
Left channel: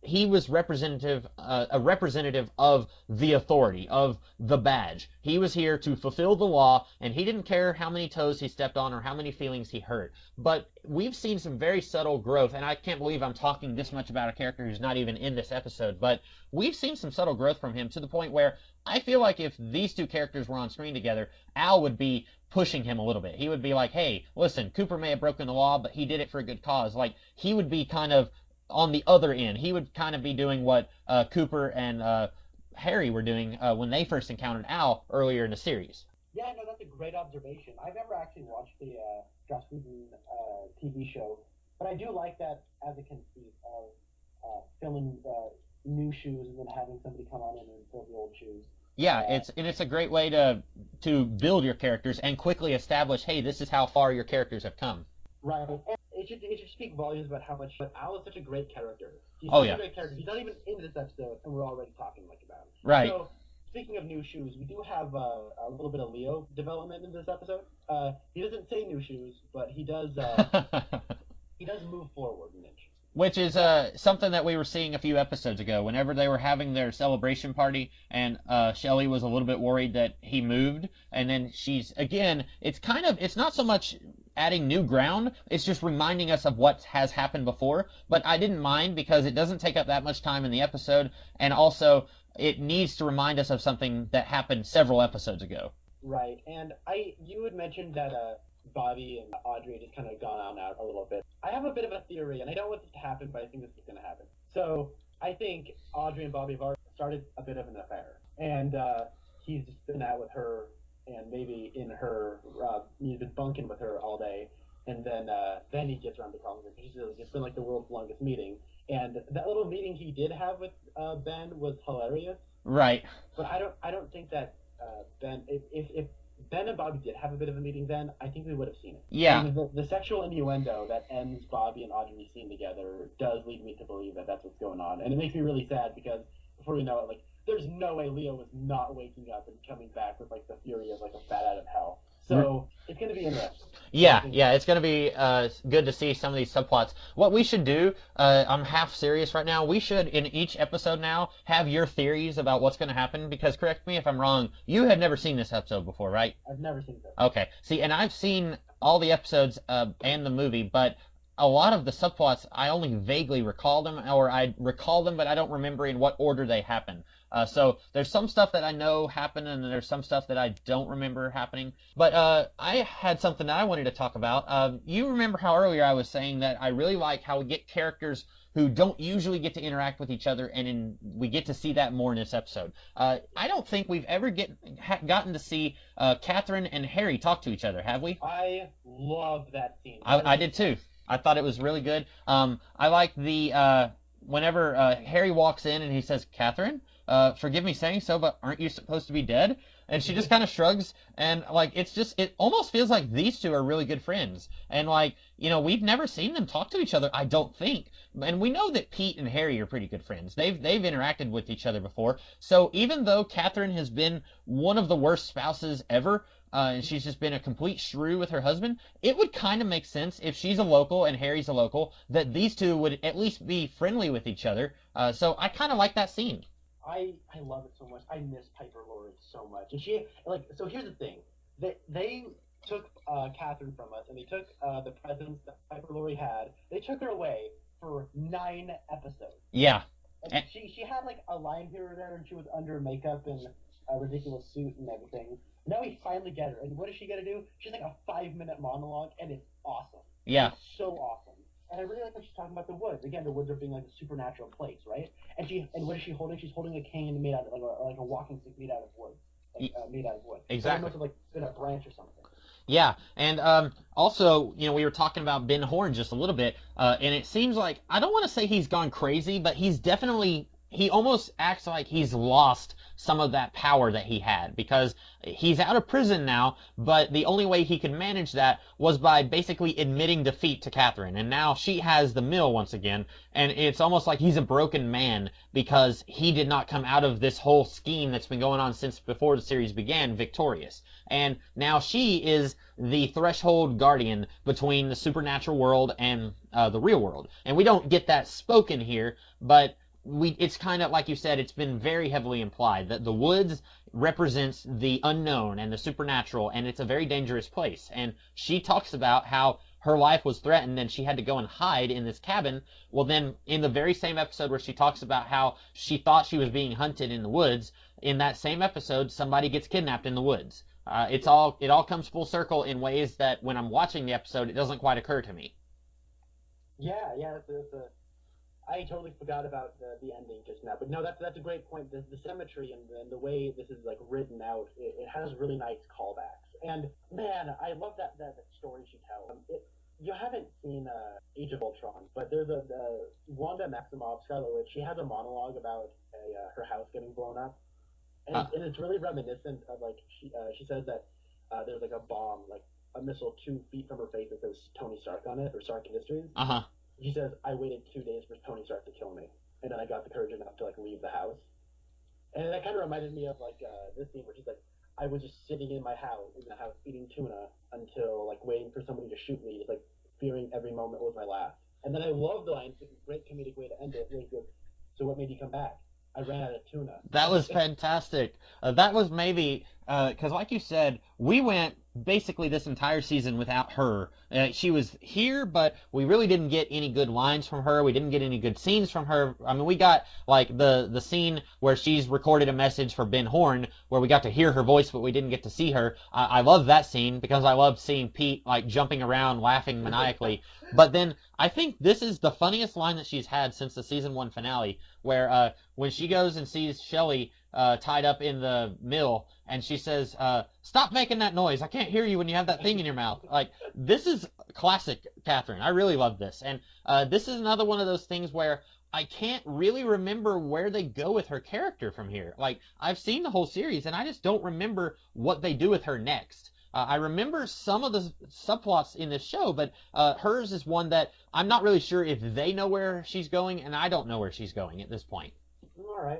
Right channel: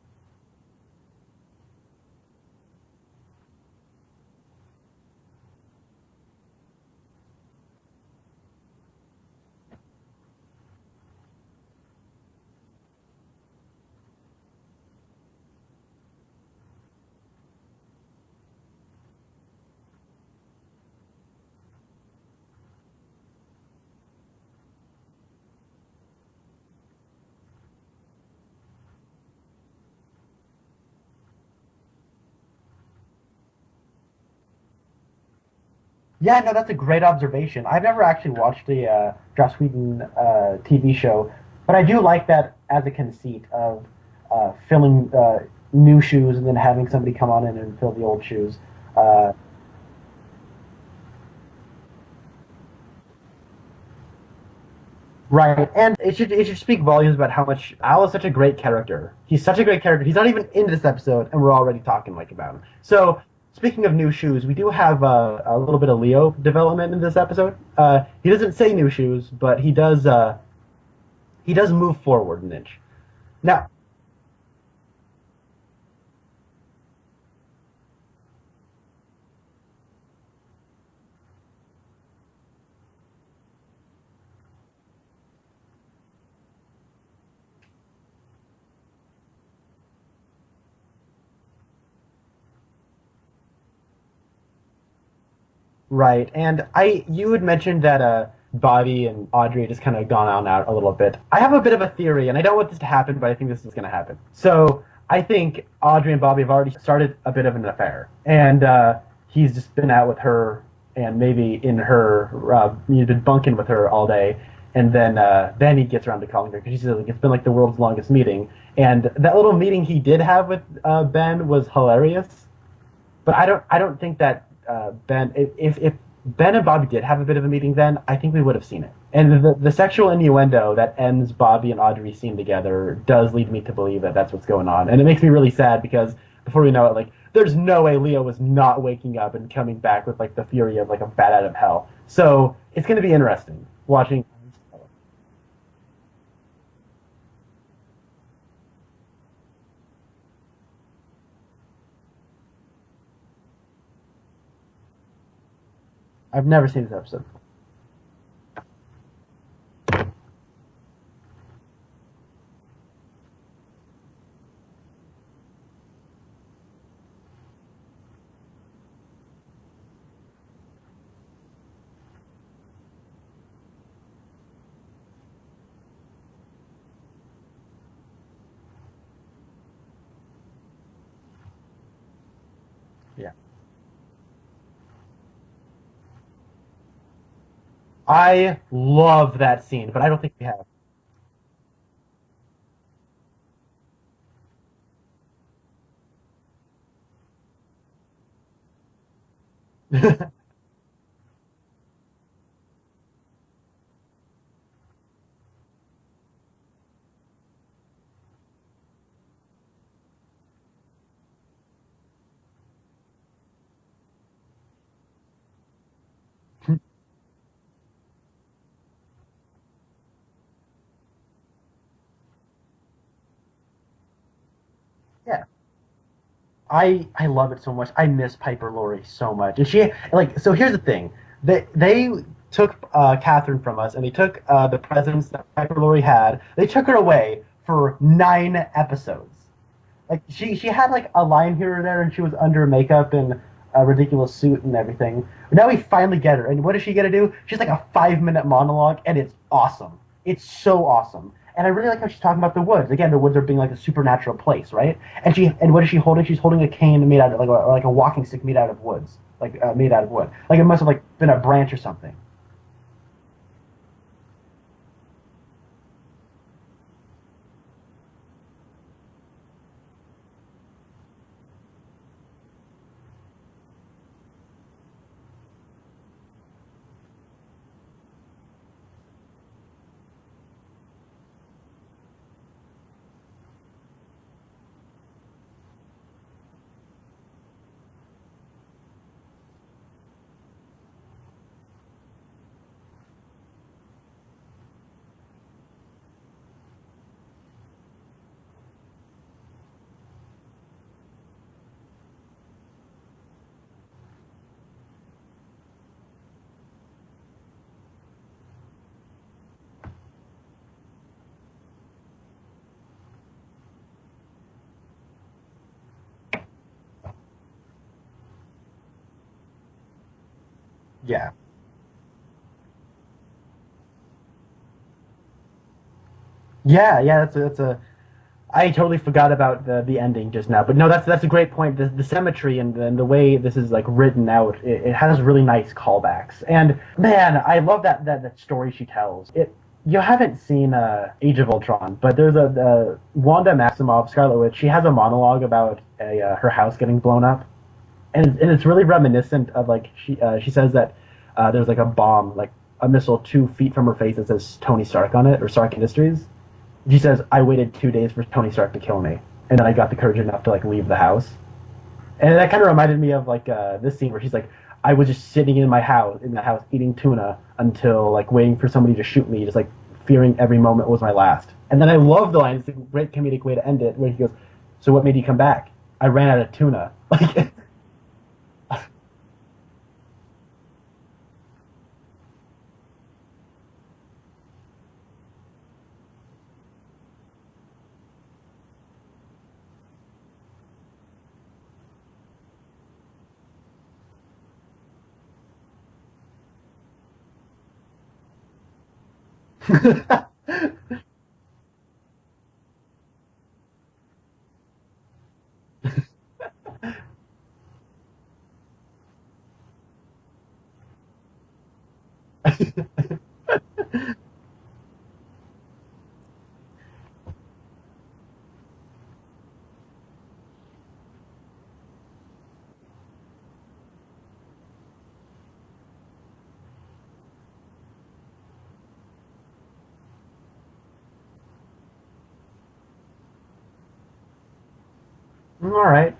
he was a representative of the authority, of the badge. He was here to fulfill the law, and he didn't care how many toes he stepped on or how many feelings he hurt. But we've seen some very subtle growth, and I can't believe I'm talking this much about a character who's not even in this episode, but we've seen some subtle growth from him to the point where I feel like if these two characters were on screen together, Al would be pushing him a little bit. He would be like, hey, listen, Cooper may have broken the law, but he did it for a good cause. Like, he would be kind of on the other end. He would kind of be doing what Cooper and Harry were doing when they first encountered Al earlier in the series. Yeah, no, that's a great observation. I've never actually watched the Joss Whedon TV show, but I do like that as a conceit of filming new shoes and then having somebody come on in and fill the old shoes. Yeah, it's a great way to build your characters and quickly establish, hey, this is how far your characters have come. Right, and it should speak volumes about how much Al is such a great character. He's such a great character. He's not even in this episode, and we're already talking like about him. So, right. Speaking of new shoes, we do have a little bit of Leo development in this episode. He doesn't say new shoes, but he does he does move forward an inch. Which is something that we were seeing a few episodes ago. Whenever they were having their celebration party, and Shelley was a little bit worried that he moved, and then it's not so much adding new ground, it's just reminding us of what has happened before. But I didn't mind because it doesn't take up that much time in the episode, and also it needs to remind us of something that happened several episodes ago. Right, and you had mentioned that Bobby and Audrey just kind of gone on out a little bit. I have a bit of a theory, and I don't want this to happen, but I think this is going to happen. So I think Audrey and Bobby have already started a bit of an affair, and he's just been out with her, and maybe in her, he's been bunking with her all day, and then he gets around to calling her, because she says it's been like the world's longest meeting. And that little meeting he did have with Ben was hilarious. Right. But I don't think that Ben, if Ben and Bobby did have a bit of a meeting then, I think we would have seen it. And the sexual innuendo that ends Bobby and Audrey's scene together does lead me to believe that that's what's going on. And it makes me really sad because before we know it, like, there's no way Leo was not waking up and coming back with like the fury of like a bat out of hell. So it's going to be interesting. Yeah, it's going to be good to see some of these subplots. What we should do, I'm half serious right now, we should, in each episode now, have your theories about what's going to happen, because, correct me if I'm wrong, you had never seen this episode before, right? I've never seen this episode. Okay. See, and I've seen all the episodes and the movie, but a lot of the subplots, I only vaguely recall them, or I recall them, but I don't remember in what order they happen. So there's some stuff that I know happened, and then there's some stuff that I don't remember happening. But I had something that I wanted to talk about. You remember how earlier I was saying that I really like how we get characters who don't usually get to interact with each other, and we get to see that more in this episode. I don't think we've ever gotten to see Catherine and Harry talk to each other, have we? I love that scene, but I don't think I did too. I thought it was really good. I like the whenever Harry walks in and he says, "Catherine, forgive me saying so, but aren't you supposed to be dead?" And she just kind of shrugs, and like it almost feels like these two are really good friends. And like, we've never seen them talk to each other, I don't think. And we know that Pete and Harry are pretty good friends. They've interacted with each other before. So even though Catherine has been one of the worst spouses ever, and she's just been a complete shrew with her husband, it would kind of make sense if she's a local and Harry's a local that these two would at least be friendly with each other. So I kind of like that scene. I love it so much. I miss Piper Laurie so much. And she, like, so here's the thing. They took Catherine from us, and they took the presence that Piper Laurie had. They took her away for 9 episodes. Yeah. Like, she had, like, a line here or there, and she was under makeup and a ridiculous suit and everything. But now we finally get her. And what is she going to do? She's like a 5-minute monologue, and it's awesome. It's so awesome. And I really like how she's talking about the woods. Again, the woods are being like a supernatural place, right? And what is she holding? She's holding a cane made out of like a walking stick made out of woods, made out of wood. Like it must have like been a branch or something. Yeah, and also, we were talking about Ben Horne just a little bit, and it seems like, I don't want to say he's gone crazy, but he almost acts like he's lost some of that power that he had, because he's out of prison now, but the only way he could manage that was by basically admitting defeat to Catherine, and now she has the mill once again, and it's almost like he's a broken man because he did not come out of this whole scheme that's been going on since before the series began victorious. And now she is the threshold guardian between the supernatural world and the real world. And we don't get that spoken here, but it's kind of, like you said, it's been very heavily implied that the woods represents the unknown and the supernatural, and it's a very dangerous place. And she talks about how her life was threatened and she had to go and hide in this cabin. Well, then in the very same episode where she talks about how she thought she was being hunted in the woods, in that same episode, somebody gets kidnapped in the woods. It all comes full circle in ways that when I'm watching the episode, it doesn't quite occur to me. Yeah, that's a. I totally forgot about the ending just now, but no, that's a great point. The symmetry and the way this is like written out, it has really nice callbacks. And man, I love that story she tells. You haven't seen Age of Ultron, but there's a Wanda Maximoff, Scarlet Witch. She has a monologue about her house getting blown up. And it's really reminiscent of, like, she says that there's like a bomb, like a missile 2 feet from her face that says Tony Stark on it, or Stark Industries. Uh-huh. She says, I waited 2 days for Tony Stark to kill me, and then I got the courage enough to, like, leave the house. And that kind of reminded me of, like, this scene where she's like, I was just sitting in the house eating tuna until, like, waiting for somebody to shoot me, just, like, fearing every moment was my last. And then I love the line, it's a great comedic way to end it, where he goes, so what made you come back? I ran out of tuna. That was fantastic. That was maybe, because like you said, we went basically this entire season without her. She was here, but we really didn't get any good lines from her. We didn't get any good scenes from her. I mean, we got like the scene where she's recorded a message for Ben Horn, where we got to hear her voice, but we didn't get to see her. I love that scene because I love seeing Pete like jumping around, laughing maniacally. But then I think this is the funniest line that she's had since the season 1 finale, where when she goes and sees Shelley tied up in the mill, and she says, stop making that noise. I can't hear you when you have that thing in your mouth. Like, this is classic Catherine. I really love this. And this is another one of those things where I can't really remember where they go with her character from here. Like, I've seen the whole series, and I just don't remember what they do with her next. I remember some of the subplots in this show, but hers is one that I'm not really sure if they know where she's going, and I don't know where she's going at this point. All right.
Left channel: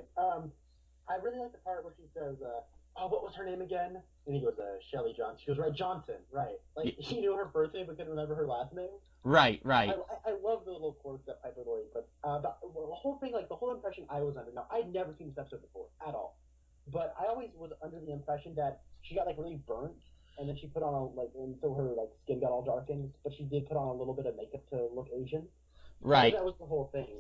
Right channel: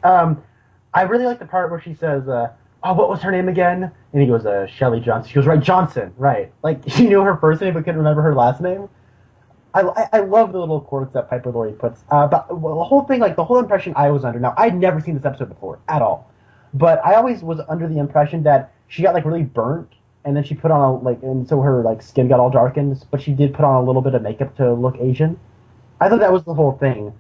I really like the part where she says, oh, what was her name again? And he goes, Shelley Johnson. She goes, right, Johnson, right. Like, she knew her first name but couldn't remember her last name. Right. I love the little quirks that Piper Laurie puts. But the whole thing, like, the whole impression I was under, now, I'd never seen this episode before, at all. But I always was under the impression that she got, like, really burnt, and then she put on, and so her, like, skin got all darkened, but she did put on a little bit of makeup to look Asian. I thought that was the whole thing.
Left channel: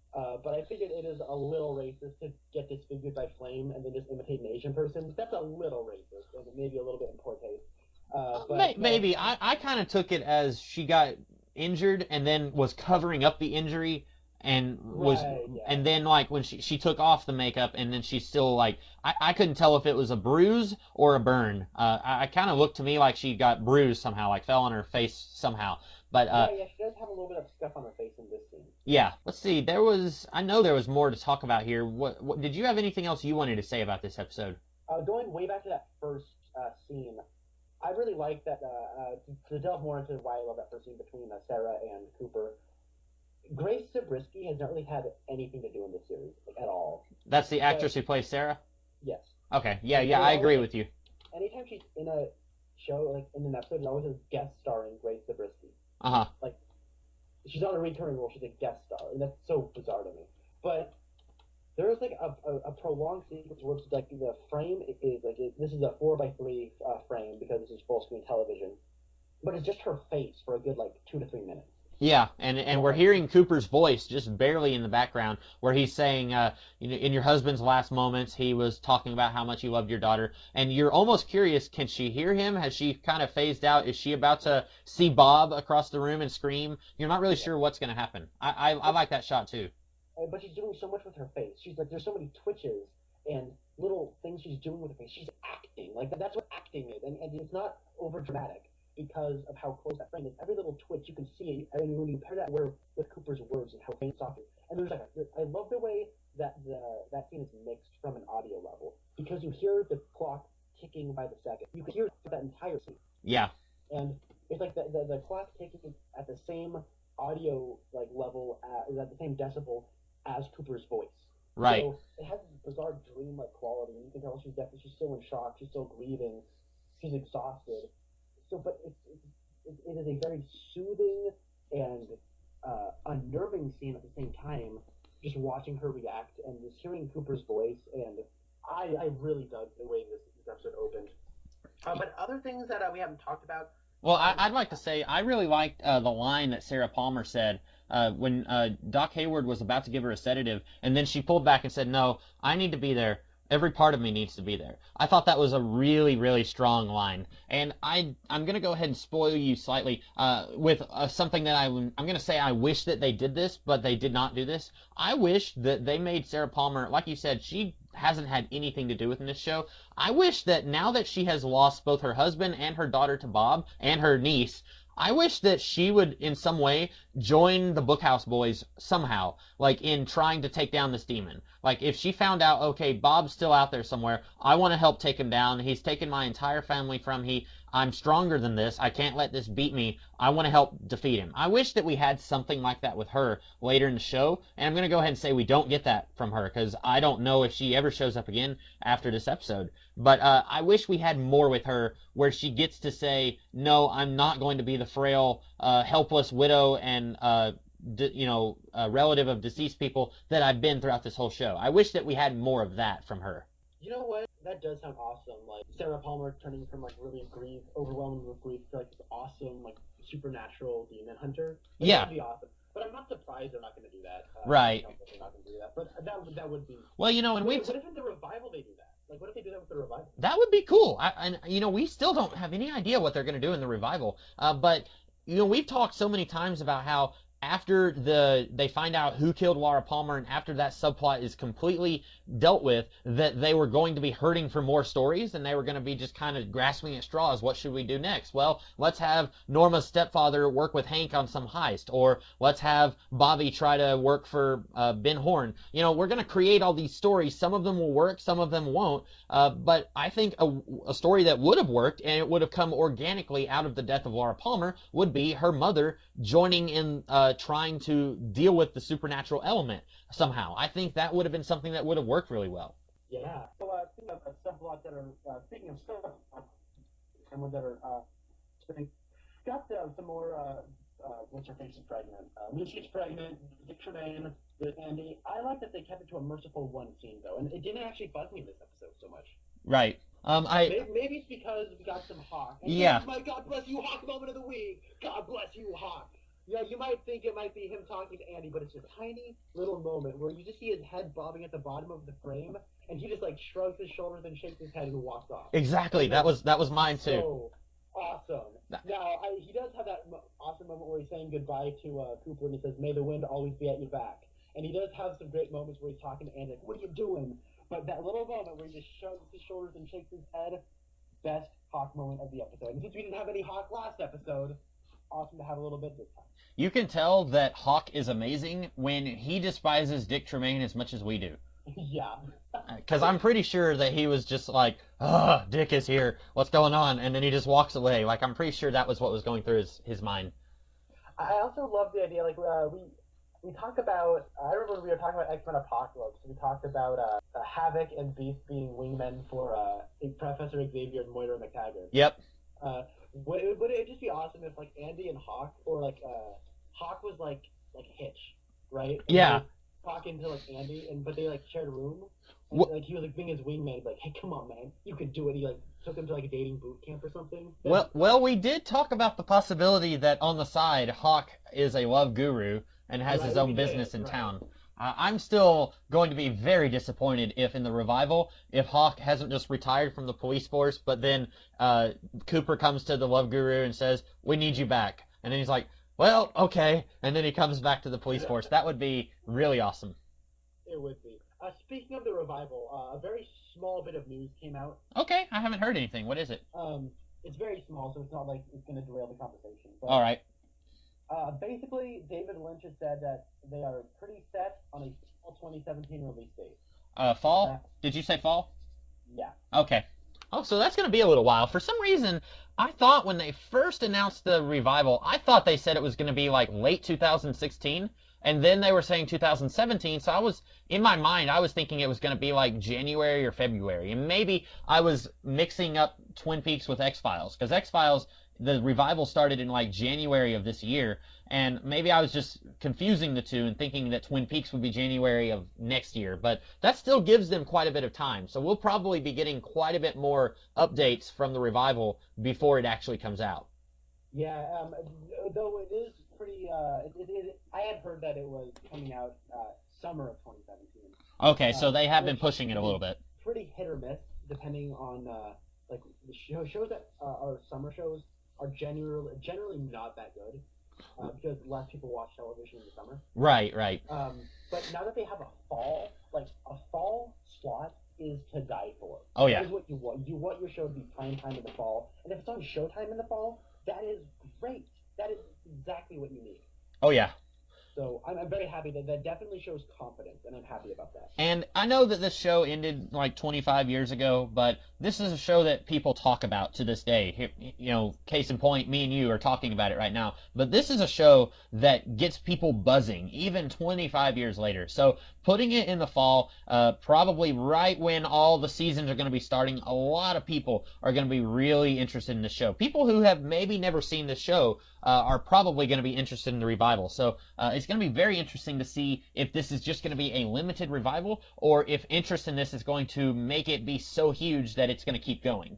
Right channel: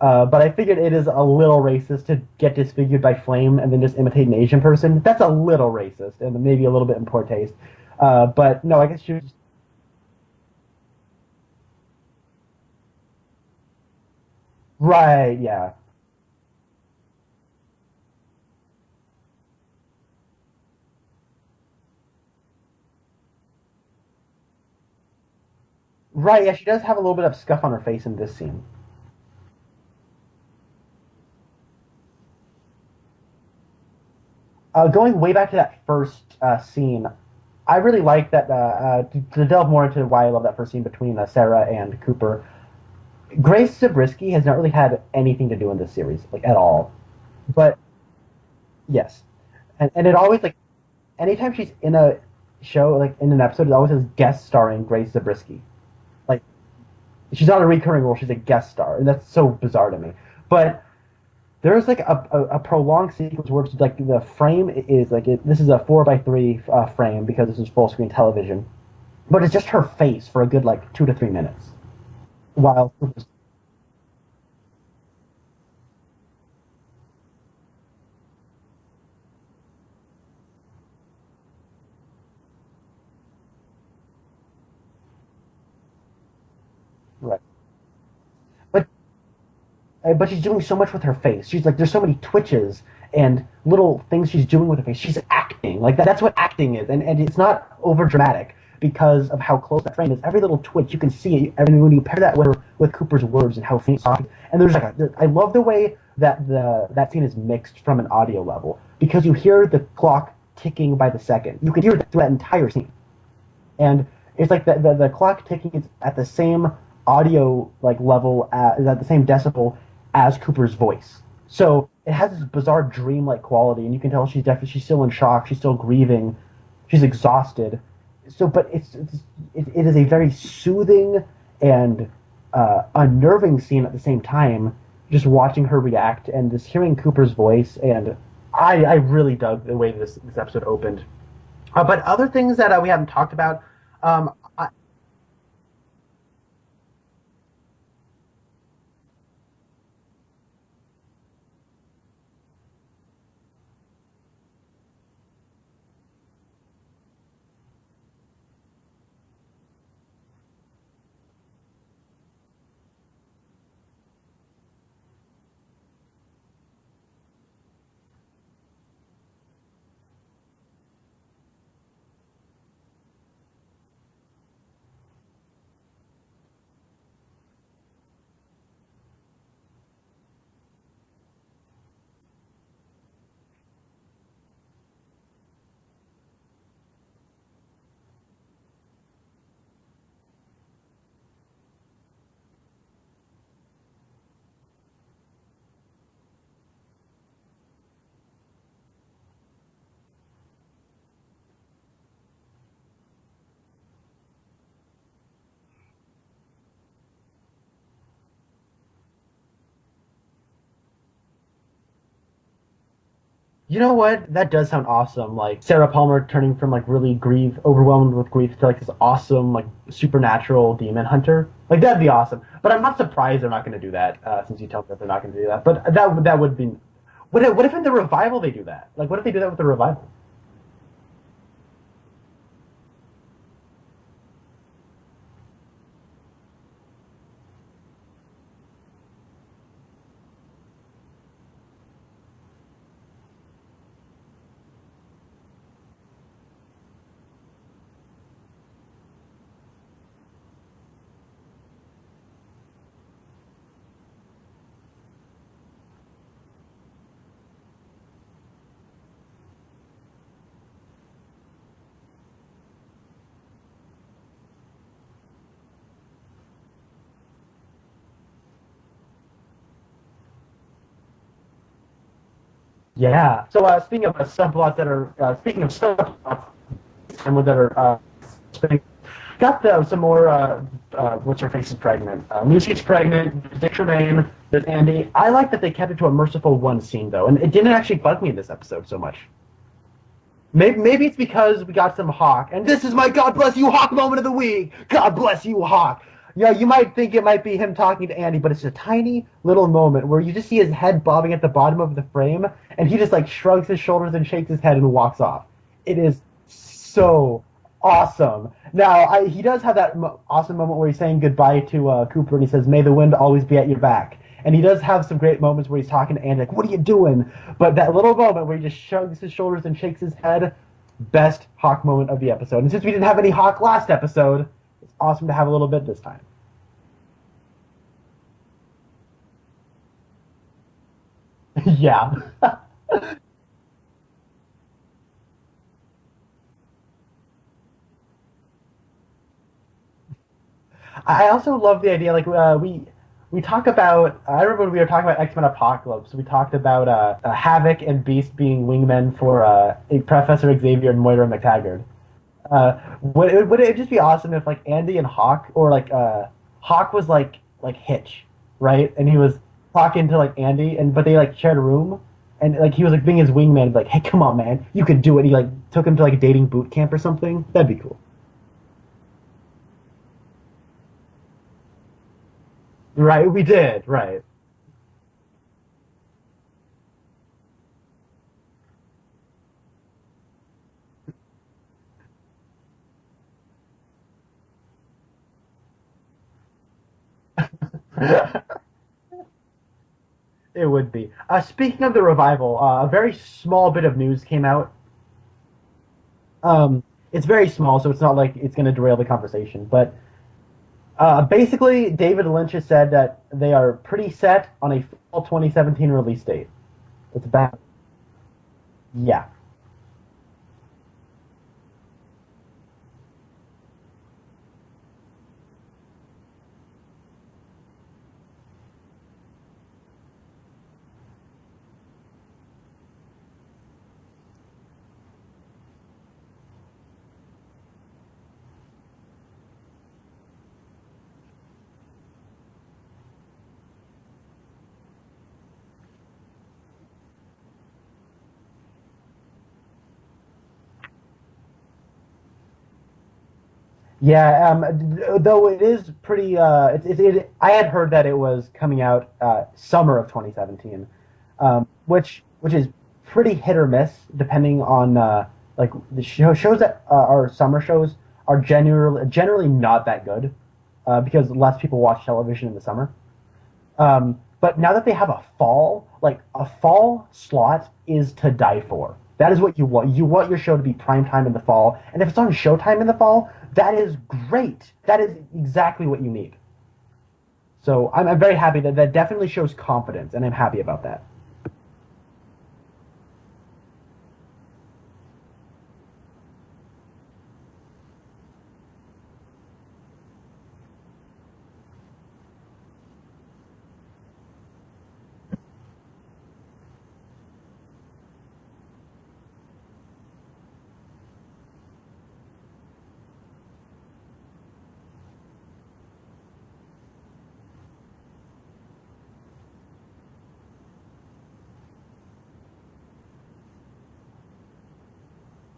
But I figured it is a little racist to get disfigured by flame and then just imitate an Asian person. That's a little racist and maybe a little bit in poor taste. But no, maybe I kind of took it as she got injured and then was covering up the injury, and and then like when she took off the makeup and then she's still like I couldn't tell if it was a bruise or a burn. I kind of looked to me like she got bruised somehow, like fell on her face somehow. But, yeah, she does have a little bit of scuff on her face in this scene. Yeah, let's see. I know there was more to talk about here. What did you have anything else you wanted to say about this episode? Going way back to that first scene, I really like that. To delve more into why I love that first scene between Sarah and Cooper, Grace Zabriskie has not really had anything to do in this series, like at all. That's the actress who plays Sarah? Yes. Okay. And I always, agree with you. Anytime she's in a show, like in an episode, it always says guest starring Grace Zabriskie. Uh-huh. Like, she's not a recurring role, she's a guest star, and that's so bizarre to me. But there's like a prolonged sequence where it's like the frame is like this is a 4x3 frame because this is full screen television, but it's just her face for a good like 2 to 3 minutes. Yeah, and we're hearing Cooper's voice just barely in the background, where he's saying, in your husband's last moments, he was talking about how much you loved your daughter, and you're almost curious, can she hear him? Has she kind of phased out? Is she about to see Bob across the room and scream? You're not really sure what's going to happen. I like that shot, too. But she's doing so much with her face. She's like, there's so many twitches and little things she's doing with her face. She's acting. Like, that's what acting is, and it's not over dramatic. because of how close that frame is. Every little twitch you can see. And when you pair that with Cooper's words and how faint talking, and there's I love the way that that scene is mixed from an audio level, because you hear the clock ticking by the second. You can hear it through that entire scene. Yeah. And it's like the clock ticking is at the same audio level, is at the same decibel as Cooper's voice. So right. It has this bizarre dreamlike quality, and you can tell she's still in shock, she's still grieving, she's exhausted. So, but it is a very soothing and unnerving scene at the same time. Just watching her react and just hearing Cooper's voice, and I really dug the way this episode opened. But other things that we haven't talked about. I'd like to say I really liked the line that Sarah Palmer said when Doc Hayward was about to give her a sedative, and then she pulled back and said, "No, I need to be there. Every part of me needs to be there." I thought that was a really, really strong line. And I'm going to go ahead and spoil you slightly with something that I'm going to say I wish that they did this, but they did not do this. I wish that they made Sarah Palmer, like you said, she hasn't had anything to do with in this show. I wish that now that she has lost both her husband and her daughter to Bob and her niece, I wish that she would in some way join the Bookhouse Boys somehow, like in trying to take down this demon. Like if she found out, okay, Bob's still out there somewhere, I want to help take him down. He's taken my entire family from me. I'm stronger than this. I can't let this beat me. I want to help defeat him. I wish that we had something like that with her later in the show. And I'm going to go ahead and say we don't get that from her because I don't know if she ever shows up again after this episode. But I wish we had more with her where she gets to say, no, I'm not going to be the frail, helpless widow and relative of deceased people that I've been throughout this whole show. I wish that we had more of that from her. You know what? That does sound awesome. Like Sarah Palmer turning from really overwhelmed with grief to this awesome supernatural demon hunter. That'd be awesome. But I'm not surprised they're not going to do that. Right. That they're not going to do that. But that would be. Well, what if in the revival they do that? What if they do that with the revival? That would be cool. We still don't have any idea what they're going to do in the revival. But we've talked so many times about how after they find out who killed Laura Palmer and after that subplot is completely dealt with, that they were going to be hurting for more stories and they were going to be just kind of grasping at straws. What should we do next? Well, let's have Norma's stepfather work with Hank on some heist, or let's have Bobby try to work for Ben Horn. We're going to create all these stories. Some of them will work, some of them won't. But I think a story that would have worked and it would have come organically out of the death of Laura Palmer would be her mother joining in trying to deal with the supernatural element somehow. I think that would have been something that would have worked really well. Yeah. So speaking of subplots that are subplots and that are got some more. What's her face is pregnant. Lucy's pregnant. Dick Tremaine. There's Andy. I like that they kept it to a merciful one scene though, and it didn't actually bug me in this episode so much. Right. Maybe it's because we got some Hawk, and this is my God bless you Hawk moment of the week. God bless you Hawk. Yeah, you might think it might be him talking to Andy, but it's a tiny little moment where you just see his head bobbing at the bottom of the frame, and he just shrugs his shoulders and shakes his head and walks off. Exactly. That was mine too. So awesome. Now he does have that awesome moment where he's saying goodbye to Cooper, and he says, "May the wind always be at your back." And he does have some great moments where he's talking to Andy, "What are you doing?" But that little moment where he just shrugs his shoulders and shakes his head, best Hawk moment of the episode. And since we didn't have any Hawk last episode, it's awesome to have a little bit this time. You can tell that Hawk is amazing when he despises Dick Tremaine as much as we do. Yeah. Because I'm pretty sure that he was just like, "Ugh, Dick is here. What's going on?" And then he just walks away. I'm pretty sure that was what was going through his mind. I also love the idea, we talk about, I remember when we were talking about X-Men Apocalypse, we talked about Havoc and Beast being wingmen for Professor Xavier and Moira McTaggart. Yep. Would it just be awesome if Andy and Hawk, or Hawk was like Hitch, right? And he was talking to Andy, but they shared a room, and he was being his wingman, "Hey, come on, man, you could do it." He took him to dating boot camp or something. That'd be cool. Well, we did talk about the possibility that on the side, Hawk is a love guru and right, has his we own did, business right. in town. I'm still going to be very disappointed if in the revival, if Hawk hasn't just retired from the police force, but then Cooper comes to the love guru and says, "We need you back," and then he's like, "Well, okay," and then he comes back to the police force. That would be really awesome. It would be. Speaking of the revival, a very small bit of news came out. Okay, I haven't heard anything. What is it? It's very small, so it's not like it's going to derail the conversation. But All right. basically, David Lynch has said that they are pretty set on a fall 2017 release date. It's Fall? back. Did you say fall? Yeah. Okay. Oh, so that's going to be a little while. For some reason, I thought when they first announced the revival, I thought they said it was going to be like late 2016, and then they were saying 2017. So in my mind, I was thinking it was going to be like January or February, and maybe I was mixing up Twin Peaks with X-Files, because X-Files, the revival started in like January of this year, and maybe I was just confusing the two and thinking that Twin Peaks would be January of next year, but that still gives them quite a bit of time. So we'll probably be getting quite a bit more updates from the revival before it actually comes out. Yeah, though it is pretty. I had heard that it was coming out summer of 2017, Okay, so they have been pushing which it a is little bit. pretty hit or miss depending on like the shows that are summer shows are generally not that good because less people watch television in the summer. Right, right. But now that they have a fall, like a fall slot is to die for. That is what you want. You want your show to be prime time in the fall, and if it's on Showtime in the fall, that is great. That is exactly what you need. Oh yeah. So I'm very happy that definitely shows confidence, and I'm happy about that. And I know that this show ended like 25 years ago, but this is a show that people talk about to this day. You know, case in point, me and you are talking about it right now. But this is a show that gets people buzzing, even 25 years later. So putting it in the fall, probably right when all the seasons are going to be starting, a lot of people are going to be really interested in the show. People who have maybe never seen the show are probably going to be interested in the revival. So it's going to be very interesting to see if this is just going to be a limited revival or if interest in this is going to make it be so huge that it's going to keep going.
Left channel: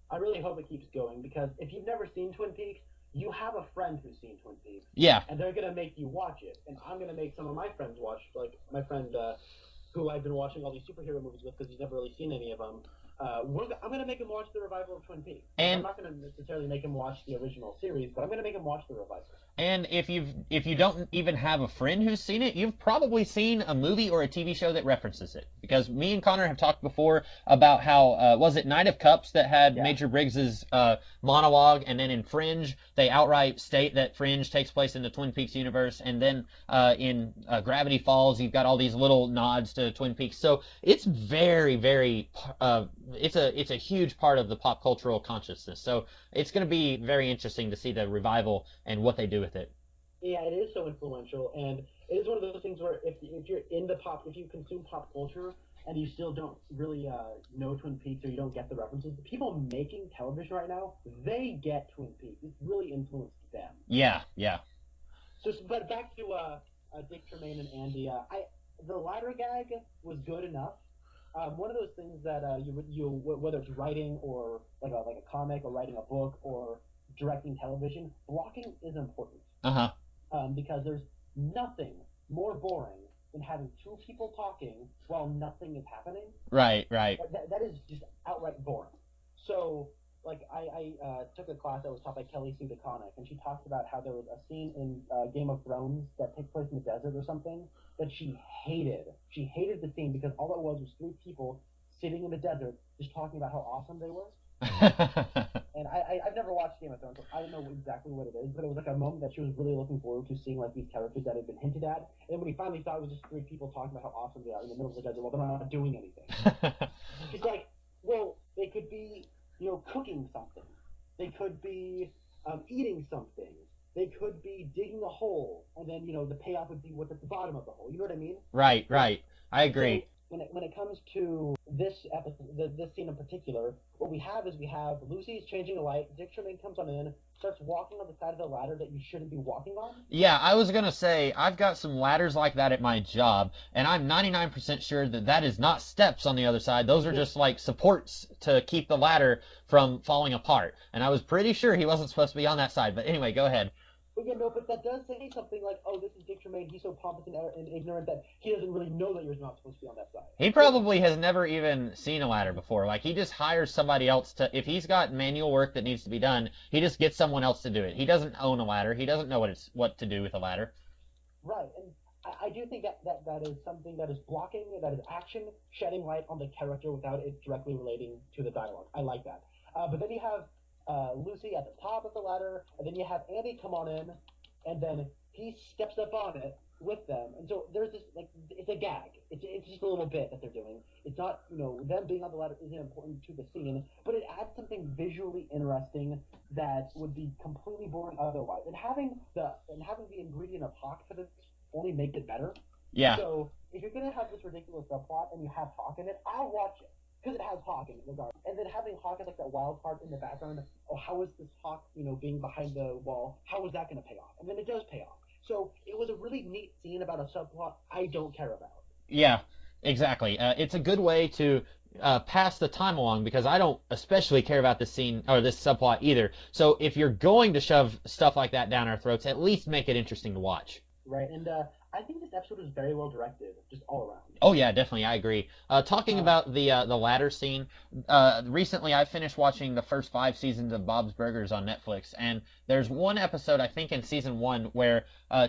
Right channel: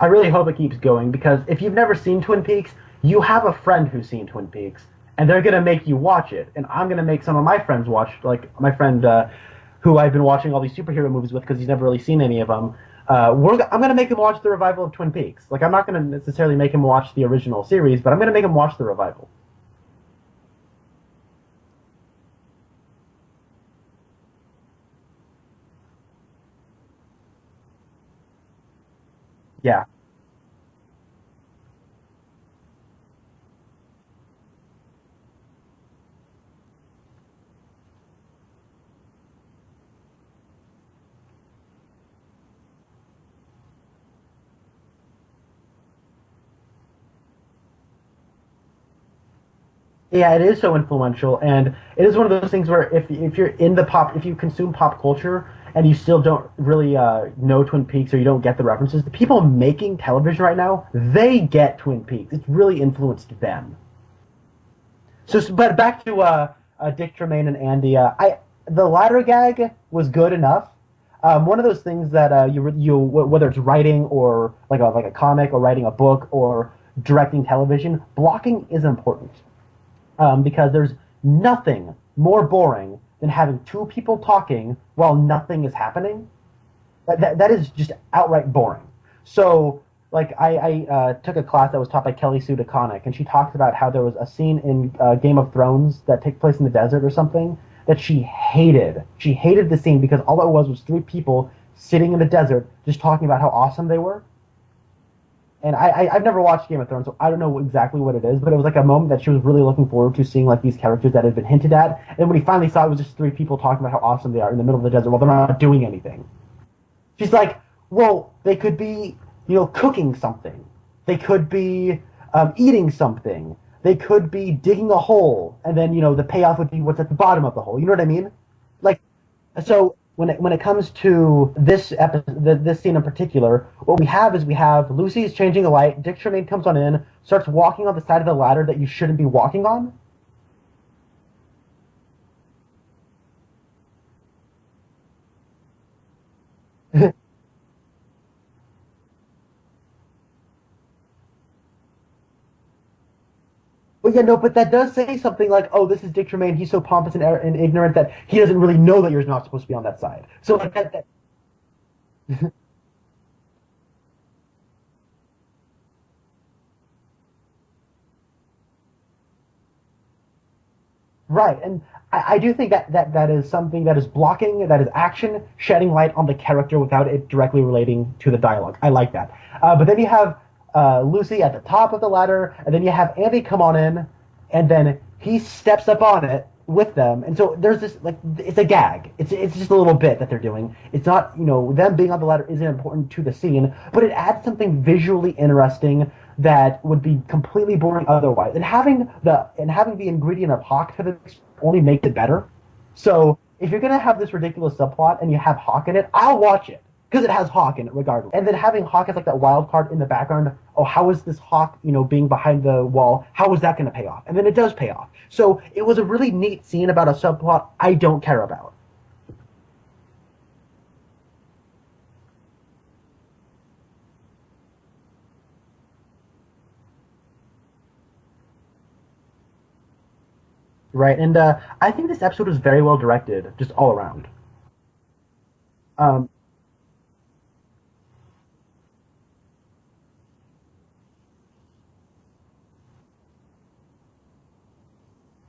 I really hope it keeps going because if you've never seen Twin Peaks, you have a friend who's seen Twin Peaks. Yeah. And they're going to make you watch it. And I'm going to make some of my friends watch, like my friend who I've been watching all these superhero movies with because he's never really seen any of them. I'm going to make him watch the revival of Twin Peaks. Like, I'm not going to necessarily make him watch the original series, but I'm going to make him watch the revival. And if you don't even have a friend who's seen it, you've probably seen a movie or a TV show that references it. Because me and Connor have talked before about how was it Knight of Cups that had Major Briggs's monologue, and then in Fringe they outright state that Fringe takes place in the Twin Peaks universe, and then in Gravity Falls you've got all these little nods to Twin Peaks. So it's very, very it's a huge part of the pop cultural consciousness. So it's going to be very interesting to see the revival and what they do with it. Yeah, it is so influential, and it is one of those things where if you're in if you consume pop culture and you still don't really know Twin Peaks or you don't get the references, the people making television right now, they get Twin Peaks. It's really influenced them. Yeah, yeah. So, but back to Dick Tremaine and Andy, the ladder gag was good enough. One of those things that you whether it's writing or like a comic or writing a book or directing television, blocking is important. Because there's nothing more boring than having two people talking while nothing is happening. Right, right. That is just outright boring. So, like, I took a class that was taught by Kelly Sue DeConnick, and she talked about how there was a scene in Game of Thrones that takes place in the desert or something that she hated. She hated the scene because all it was three people sitting in the desert just talking about how awesome they were. And I've never watched Game of Thrones, so I don't know exactly what it is, but it was like a moment that she was really looking forward to, seeing like these characters that had been hinted at. And when he finally saw it was just three people talking about how awesome they are in the middle of the desert while they're not doing anything. She's like, well, they could be, cooking something. They could be eating something. They could be digging a hole, and then, the payoff would be what's at the bottom of the hole. You know what I mean? Right, like, right. I so agree. when it comes to this episode, this scene in particular, what we have is Lucy's changing a light. Dick Tremaine comes on in, starts walking on the side of the ladder that you shouldn't be walking on. Yeah, I was gonna say I've got some ladders like that at my job, and I'm 99% sure that is not steps on the other side. Those are just like supports to keep the ladder from falling apart. And I was pretty sure he wasn't supposed to be on that side. But anyway, go ahead. Well, yeah, no, but that does say something like, oh, this is Dick Tremaine. He's so pompous and ignorant that he doesn't really know that you're not supposed to be on that side. He probably has never even seen a ladder before. Like, he just hires somebody else to, if he's got manual work that needs to be done, he just gets someone else to do it. He doesn't own a ladder. He doesn't know what to do with a ladder. Right, and I do think that is something that is blocking, that is action, shedding light on the character without it directly relating to the dialogue. I like that. But then you have Lucy at the top of the ladder, and then you have Andy come on in, and then he steps up on it with them, and so there's this like it's a gag. It's just a little bit that they're doing. It's not them being on the ladder isn't important to the scene, but it adds something visually interesting that would be completely boring otherwise. And having the ingredient of Hawk to the mix only makes it better. Yeah. So if you're gonna have this ridiculous subplot and you have Hawk in it, I'll watch it because it has Hawk in it regardless. And then having Hawk as like that wild card in the background. Oh, how is this Hawk, being behind the wall? How is that gonna pay off? And then it does pay off. So it was a really neat scene about a subplot I don't care about. Yeah, exactly. It's a good way to pass the time along because I don't especially care about this scene or this subplot either. So if you're going to shove stuff like that down our throats, at least make it interesting to watch. Right, and I think this episode was very well directed, just all around. Oh yeah, definitely, I agree. Talking about the ladder scene, recently I finished watching the first 5 seasons of Bob's Burgers on Netflix, and there's one episode I think in season 1 where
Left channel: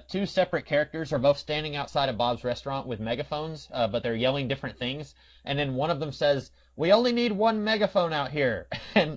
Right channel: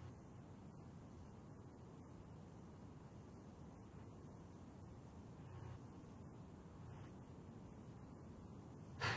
2 separate characters are both standing outside of Bob's restaurant with megaphones, but they're yelling different things, and then one of them says, "We only need one megaphone out here," and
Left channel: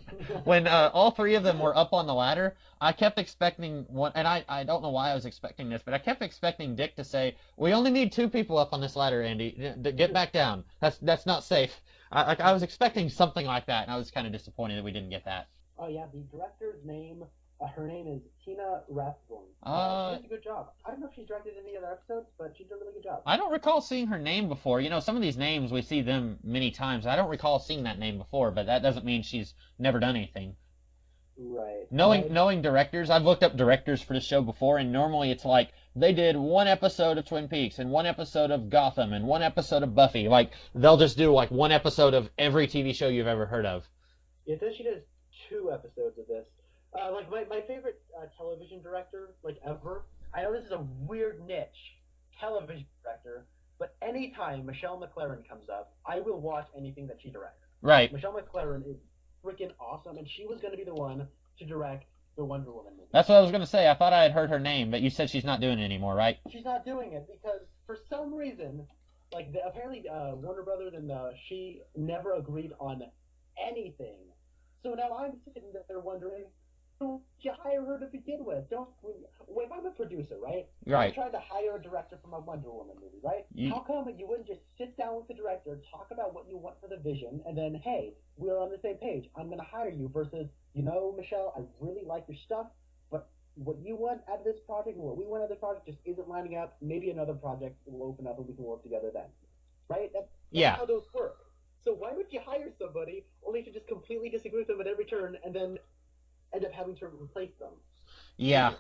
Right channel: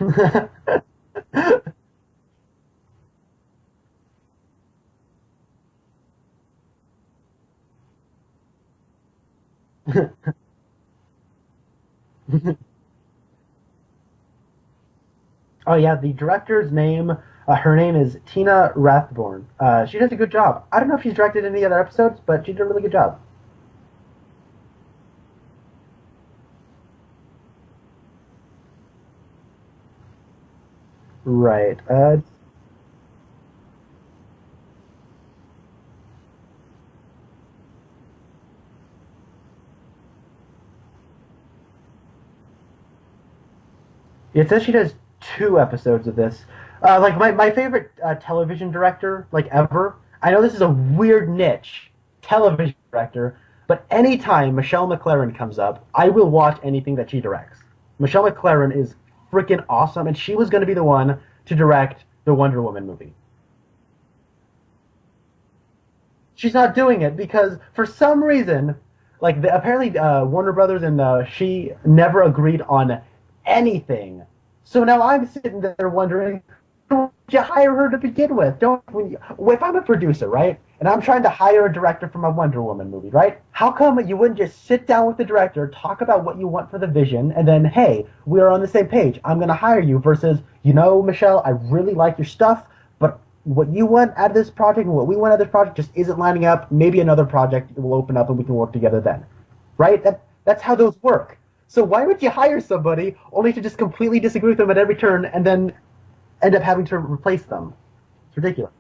when all 3 of them were up on the ladder, I kept expecting one, and I don't know why I was expecting this, but I kept expecting Dick to say, "We only need 2 people up on this ladder, Andy. To get back down. That's not safe." I was expecting something like that, and I was kind of disappointed that we didn't get that. Oh yeah, the director's name, her name is Tina Rathborn. She does a good job. I don't know if she's directed any other episodes, but she did a really good job. I don't recall seeing her name before. Some of these names, we see them many times. I don't recall seeing that name before, but that doesn't mean she's never done anything. Right. Knowing directors, I've looked up directors for the show before, and normally it's like they did 1 episode of Twin Peaks and 1 episode of Gotham and 1 episode of Buffy. Like they'll just do like 1 episode of every TV show you've ever heard of. It says she does 2 episodes of this. Like my favorite television director like ever. I know this is a weird niche, television director, but anytime Michelle MacLaren comes up, I will watch anything that she directs. Right. Michelle MacLaren is freaking awesome, and she was going to be the one to direct the Wonder Woman movie. That's what I was going to say. I thought I had heard her name, but you said she's not doing it anymore, right? She's not doing it because for some reason, apparently Warner Brothers and she never agreed on anything. So now I'm sitting there wondering, don't you hire her to begin with? If I'm a producer, right, and I'm trying to hire a director from a Wonder Woman movie, right? How come you wouldn't just sit down with the director, talk about what you want for the vision, and then, hey, we're on the same page. I'm going to hire you versus, Michelle, I really like your stuff, but what you want out of this project and what we want out of this project just isn't lining up. Maybe another project will open up and we can work together then, right? That's how those work. So why would you hire somebody only to just completely disagree with them at every turn and then end up having to replace them? It's ridiculous.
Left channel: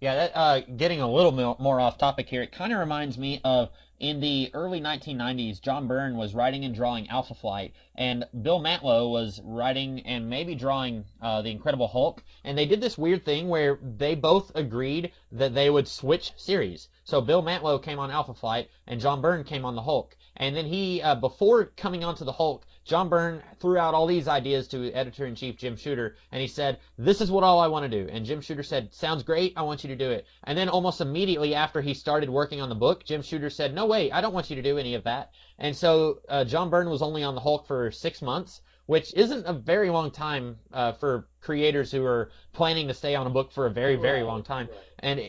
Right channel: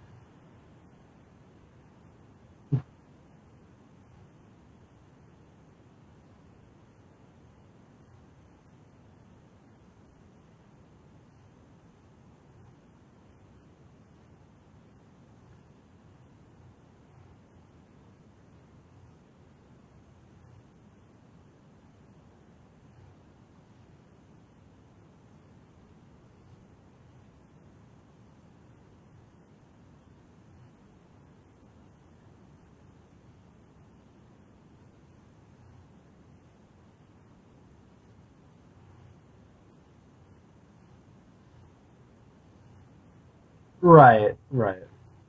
Yeah. That getting a little more off topic here, it kind of reminds me of in the early 1990s, John Byrne was writing and drawing Alpha Flight, and Bill Mantlo was writing and maybe drawing The Incredible Hulk, and they did this weird thing where they both agreed that they would switch series. So Bill Mantlo came on Alpha Flight, and John Byrne came on the Hulk. And then he, before coming onto the Hulk, John Byrne threw out all these ideas to editor-in-chief Jim Shooter, and he said, "This is what all I want to do." And Jim Shooter said, "Sounds great, I want you to do it." And then almost immediately after he started working on the book, Jim Shooter said, "No, wait, I don't want you to do any of that." And so John Byrne was only on the Hulk for 6 months, which isn't a very long time for creators who are planning to stay on a book for a very, very long time. Right. And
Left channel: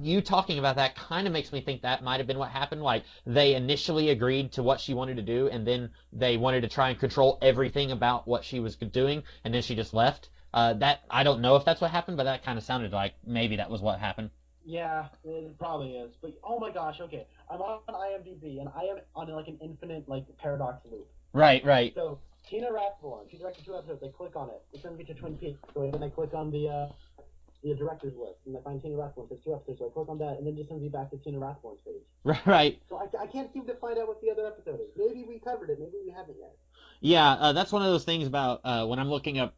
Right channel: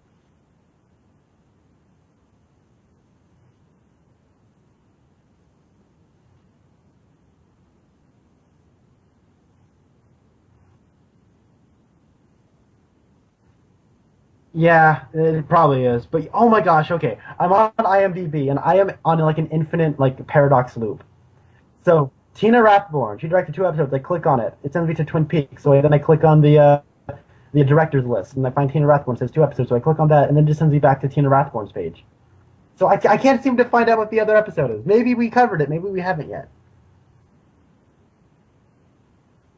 you talking about that kind of makes me think that might have been what happened. Like, they initially agreed to what she wanted to do, and then they wanted to try and control everything about what she was doing, and then she just left. That I don't know if that's what happened, but that kind of sounded like maybe that was what happened. Yeah, it probably is. But oh my gosh, okay, I'm on IMDb, and I am on like an infinite paradox loop. Right. So Tina Rathborn, she directed 2 episodes. I click on it. It sends me to Twin Peaks. So then I click on the director's list, and I find Tina Rathborn. It says 2 episodes. So I click on that, and then it just sends me back to Tina Rathborn's page. Right. So I can't seem to find out what the other episode is. Maybe we covered it. Maybe we haven't yet. Yeah, that's one of those things about when I'm looking up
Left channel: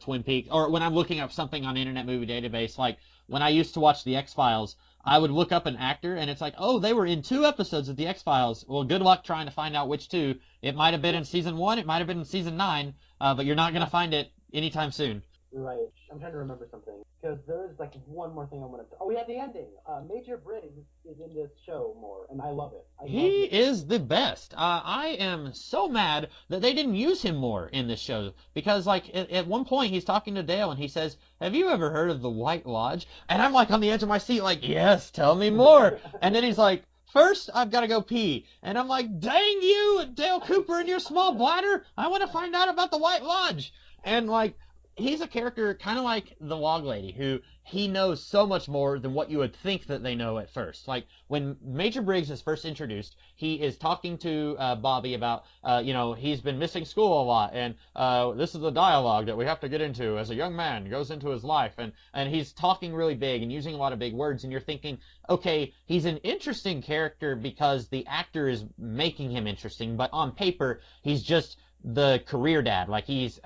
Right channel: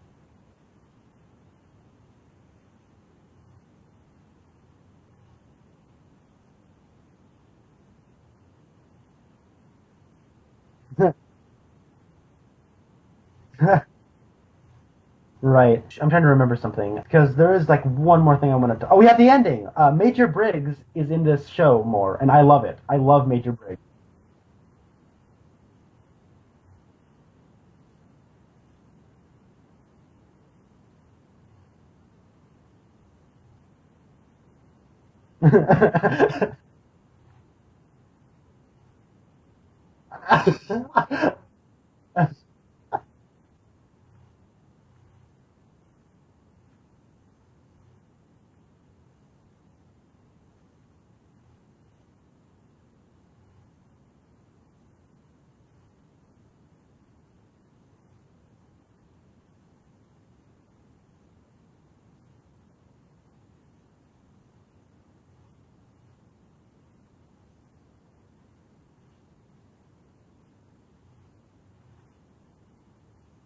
Twin Peaks, or when I'm looking up something on Internet Movie Database. Like when I used to watch The X-Files, I would look up an actor, and it's like, oh, they were in 2 episodes of The X-Files. Well, good luck trying to find out which 2. It might have been in season 1, it might have been in season 9, but you're not going to find it anytime soon. Right. I'm trying to remember something because there is like one more thing I want to. Oh, we have the ending. Major Briggs is in this show more, and I love it. I love He Major Briggs. is the best. I am so mad that they didn't use him more in this show because, like, at one point he's talking to Dale and he says, "Have you ever heard of the White Lodge?" And I'm like on the edge of my seat, like, "Yes, tell me more." And then he's like, "First, I've got to go pee." And I'm like, "Dang you, Dale Cooper and your small bladder! I want to find out about the White Lodge." And like, he's a character kind of like the Log Lady, who he knows so much more than what you would think that they know at first. Like when Major Briggs is first introduced, he is talking to Bobby about, he's been missing school a lot, and this is the dialogue that we have to get into as a young man goes into his life, and he's talking really big and using a lot of big words, and you're thinking, okay, he's an interesting character because the actor is making him interesting, but on paper, he's just the career dad. Like he's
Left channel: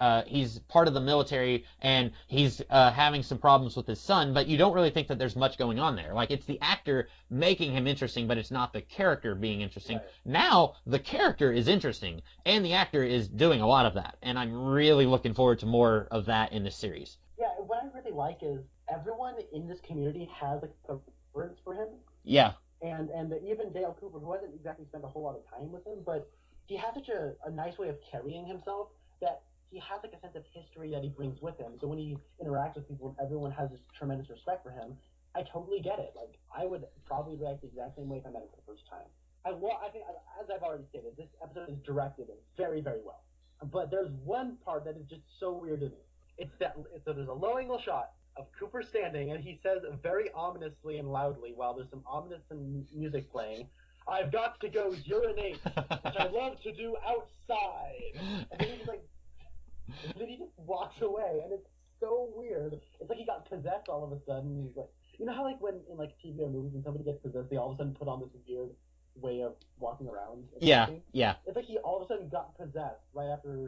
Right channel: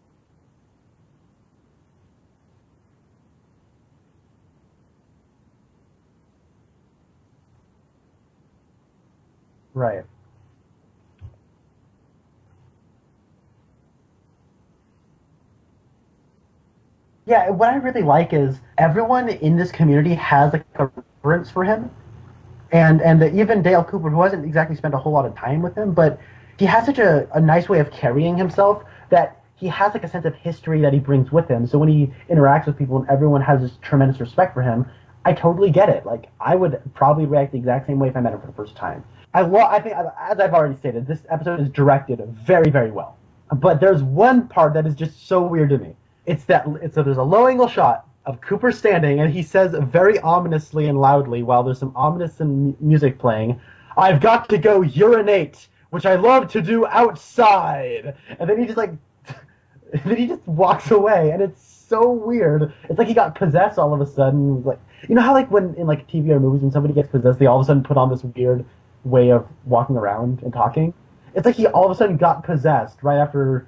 part of the military and he's having some problems with his son, but you don't really think that there's much going on there. Like it's the actor making him interesting, but it's not the character being interesting. Right. Now the character is interesting and the actor is doing a lot of that, and I'm really looking forward to more of that in this series. Yeah, what I really like is everyone in this community has like a reverence for him, Yeah. and even Dale Cooper, who hasn't exactly spent a whole lot of time with him, but he has such a nice way of carrying himself that he has like a sense of history that he brings with him. So when he interacts with people and everyone has this tremendous respect for him, I totally get it. Like I would probably react the exact same way if I met him for the first time. I think, as I've already stated, this episode is directed very, very well. But there's one part that is just so weird to me. There's a low angle shot of Cooper standing, and he says very ominously and loudly while there's some ominous music playing, "I've got to go urinate, which I love to do outside." And then he just walks away, and it's so weird. It's like he got possessed all of a sudden. Like, you know how like when in like TV or movies when somebody gets possessed, they all of a sudden put on this weird way of walking around and talking. Yeah. Yeah. It's like he all of a sudden got possessed right after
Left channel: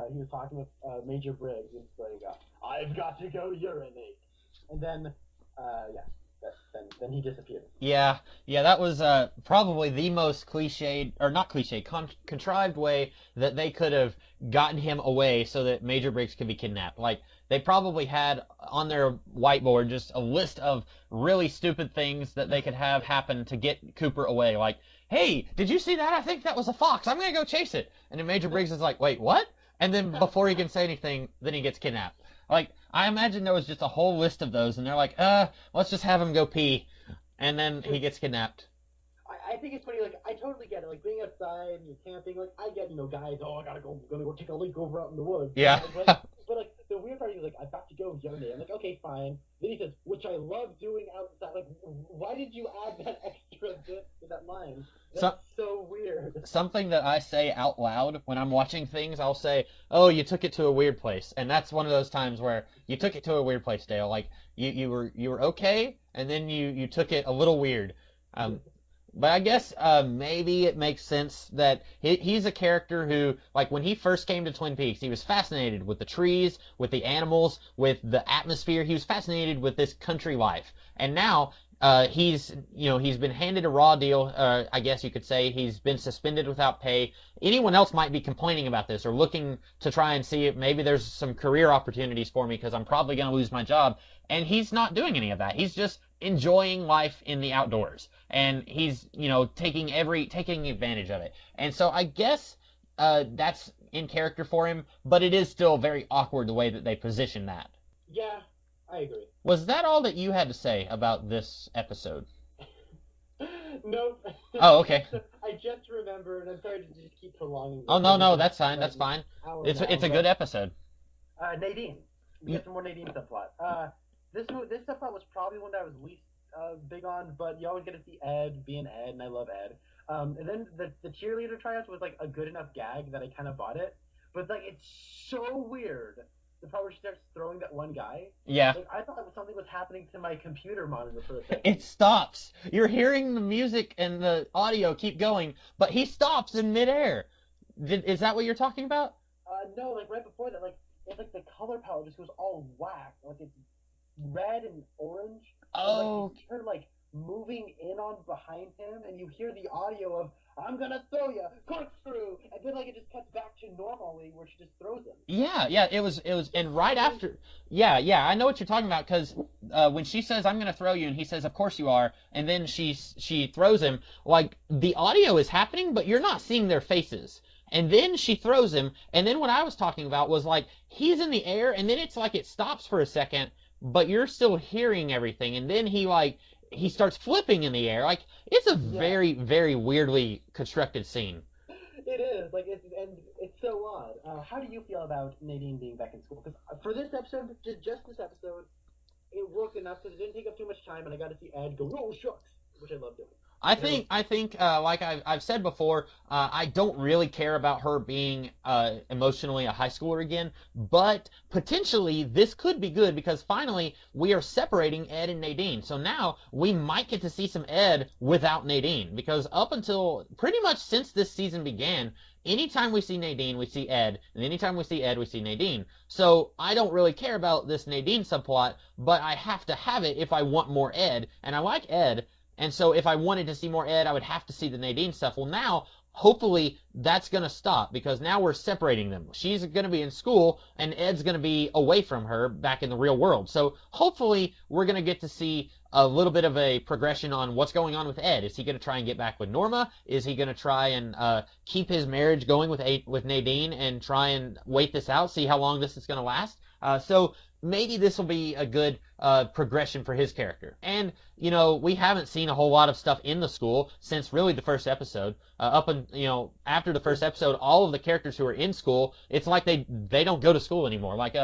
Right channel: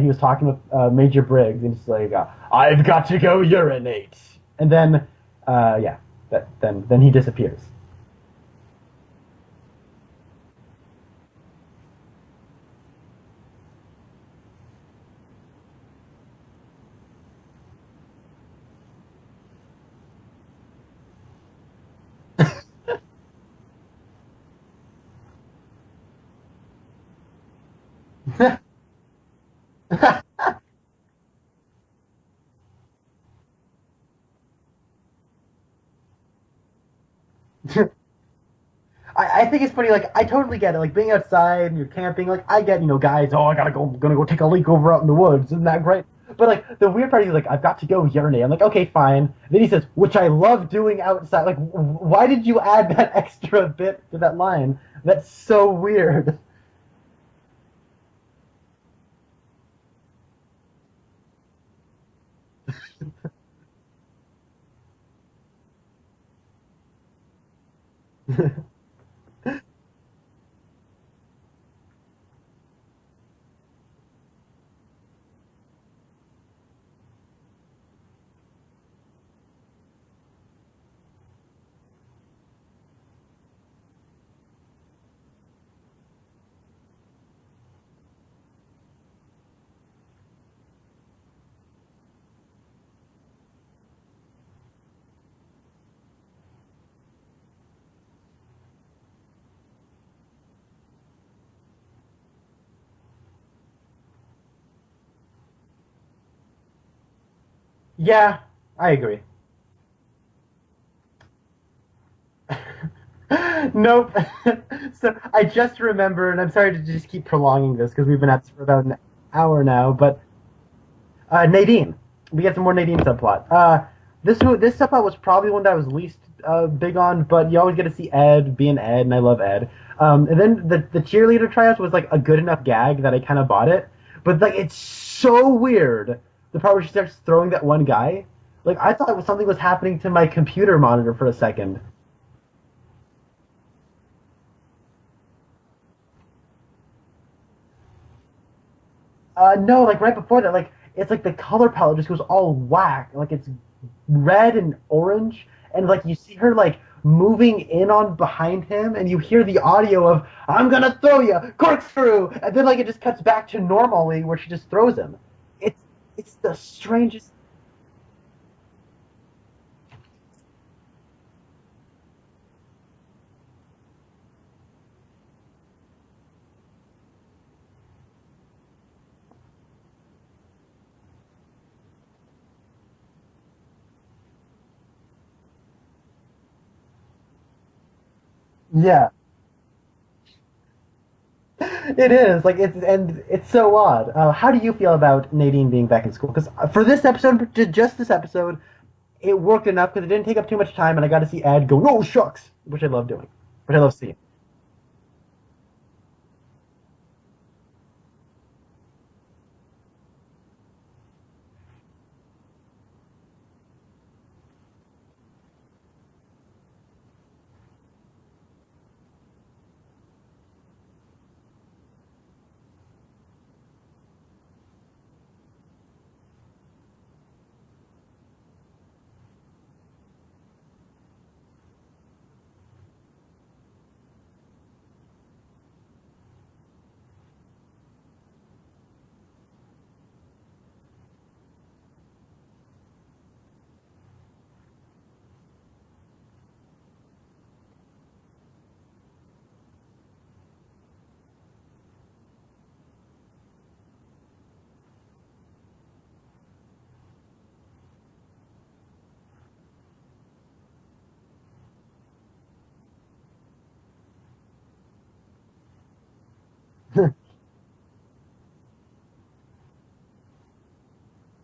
he was talking with Major Briggs, and he's like, "I've got to go urinate," and then then he disappears. Yeah, yeah, that was probably the most cliched, or not cliched, contrived way that they could have gotten him away so that Major Briggs could be kidnapped. Like, they probably had on their whiteboard just a list of really stupid things that they could have happen to get Cooper away. Like, "Hey, did you see that? I think that was a fox. I'm going to go chase it." And then Major Briggs is like, "Wait, what?" And then before he can say anything, then he gets kidnapped. Like, I imagine there was just a whole list of those, and they're like, let's just have him go pee. And then he gets kidnapped. I think it's funny, like, I totally get it. Like, being outside and you're camping, like, I get, guys, gonna go take a leak over out in the woods. Isn't that great? But, like, the weird part is, like, I've got to go urinate. I'm like, okay, fine. Then he says, "which I love doing outside." Like, why did you add that extra bit to that line? That's so weird. Something that I say out loud when I'm watching things, I'll say, "Oh, you took it to a weird place." And that's one of those times where you took it to a weird place, Dale. Like, you were okay, and then you took it a little weird. But I guess maybe it makes sense that he's a character who, like, when he first came to Twin Peaks, he was fascinated with the trees, with the animals, with the atmosphere. He was fascinated with this country life. And now he's been handed a raw deal, I guess you could say. He's been suspended without pay. Anyone else might be complaining about this or looking to try and see if maybe there's some career opportunities for me because I'm probably going to lose my job. And he's not doing any of that. He's just enjoying life in the outdoors. And he's, taking advantage of it. And so I guess that's in character for him, but it is still very awkward the way that they position that. Yeah, I agree. Was that all that you had to say about this episode? Nope. Oh, okay. So I just remembered, and I'm sorry to just keep prolonging this. Oh, no, that's fine. That's fine. Hour now. It's a good episode. Nadine. We get some more Nadine subplot. This subplot was probably one that I was least big on, but you always get to see Ed being Ed, and I love Ed. And then the cheerleader tryouts was like a good enough gag that I kind of bought it. But like, it's so weird. The part where she starts throwing that one guy. Yeah. Like, I thought something was happening to my computer monitor for a second. It stops. You're hearing the music and the audio keep going, but he stops in midair. Is that what you're talking about? No, like right before that, like it's like the color palette just goes all whack. Like it's red and orange, and like you see her like moving in on behind him, and you hear the audio of "I'm gonna throw you, corkscrew," and then like it just cuts back to normally where she just throws him. Yeah, It's yeah, it it's was, the and right strangest. after, yeah, yeah, I know what you're talking about because when she says I'm gonna throw you, and he says of course you are, and then she throws him, like the audio is happening, but you're not seeing their faces. And then she throws him, and then what I was talking about was like he's in the air, and then it's like it stops for a second, but you're still hearing everything, and then he starts flipping in the air, like it's a Yeah, very very weirdly constructed scene. it is like it's so odd. How do you feel about Nadine being back in school? Because for this episode, just this episode, it worked enough because it didn't take up too much time, and I got to see Ed go, "No shucks," which I love doing, which I love seeing. I think, like I've said before, I don't really care about her being emotionally a high schooler again, but potentially this could be good because finally we are separating Ed and Nadine. So now we might get to see some Ed without Nadine because up until pretty much since this season began, anytime we see Nadine, we see Ed, and anytime we see Ed, we see Nadine. So I don't really care about this Nadine subplot, but I have to have it if I want more Ed, and I like Ed. And so if I wanted to see more Ed, I would have to see the Nadine stuff. Well, now, hopefully, that's going to stop because now we're separating them. She's going to be in school, and Ed's going to be away from her back in the real world. So hopefully, we're going to get to see a little bit of a progression on what's going on with Ed. Is he going to try and get back with Norma? Is he going to try and keep his marriage going with Nadine and try and wait this out, see how long this is going to last? So maybe this will be a good progression for his character. And we haven't seen a whole lot of stuff in the school since really the first episode. Up and after the first episode, all of the characters who are in school, it's like they don't go to school anymore. Like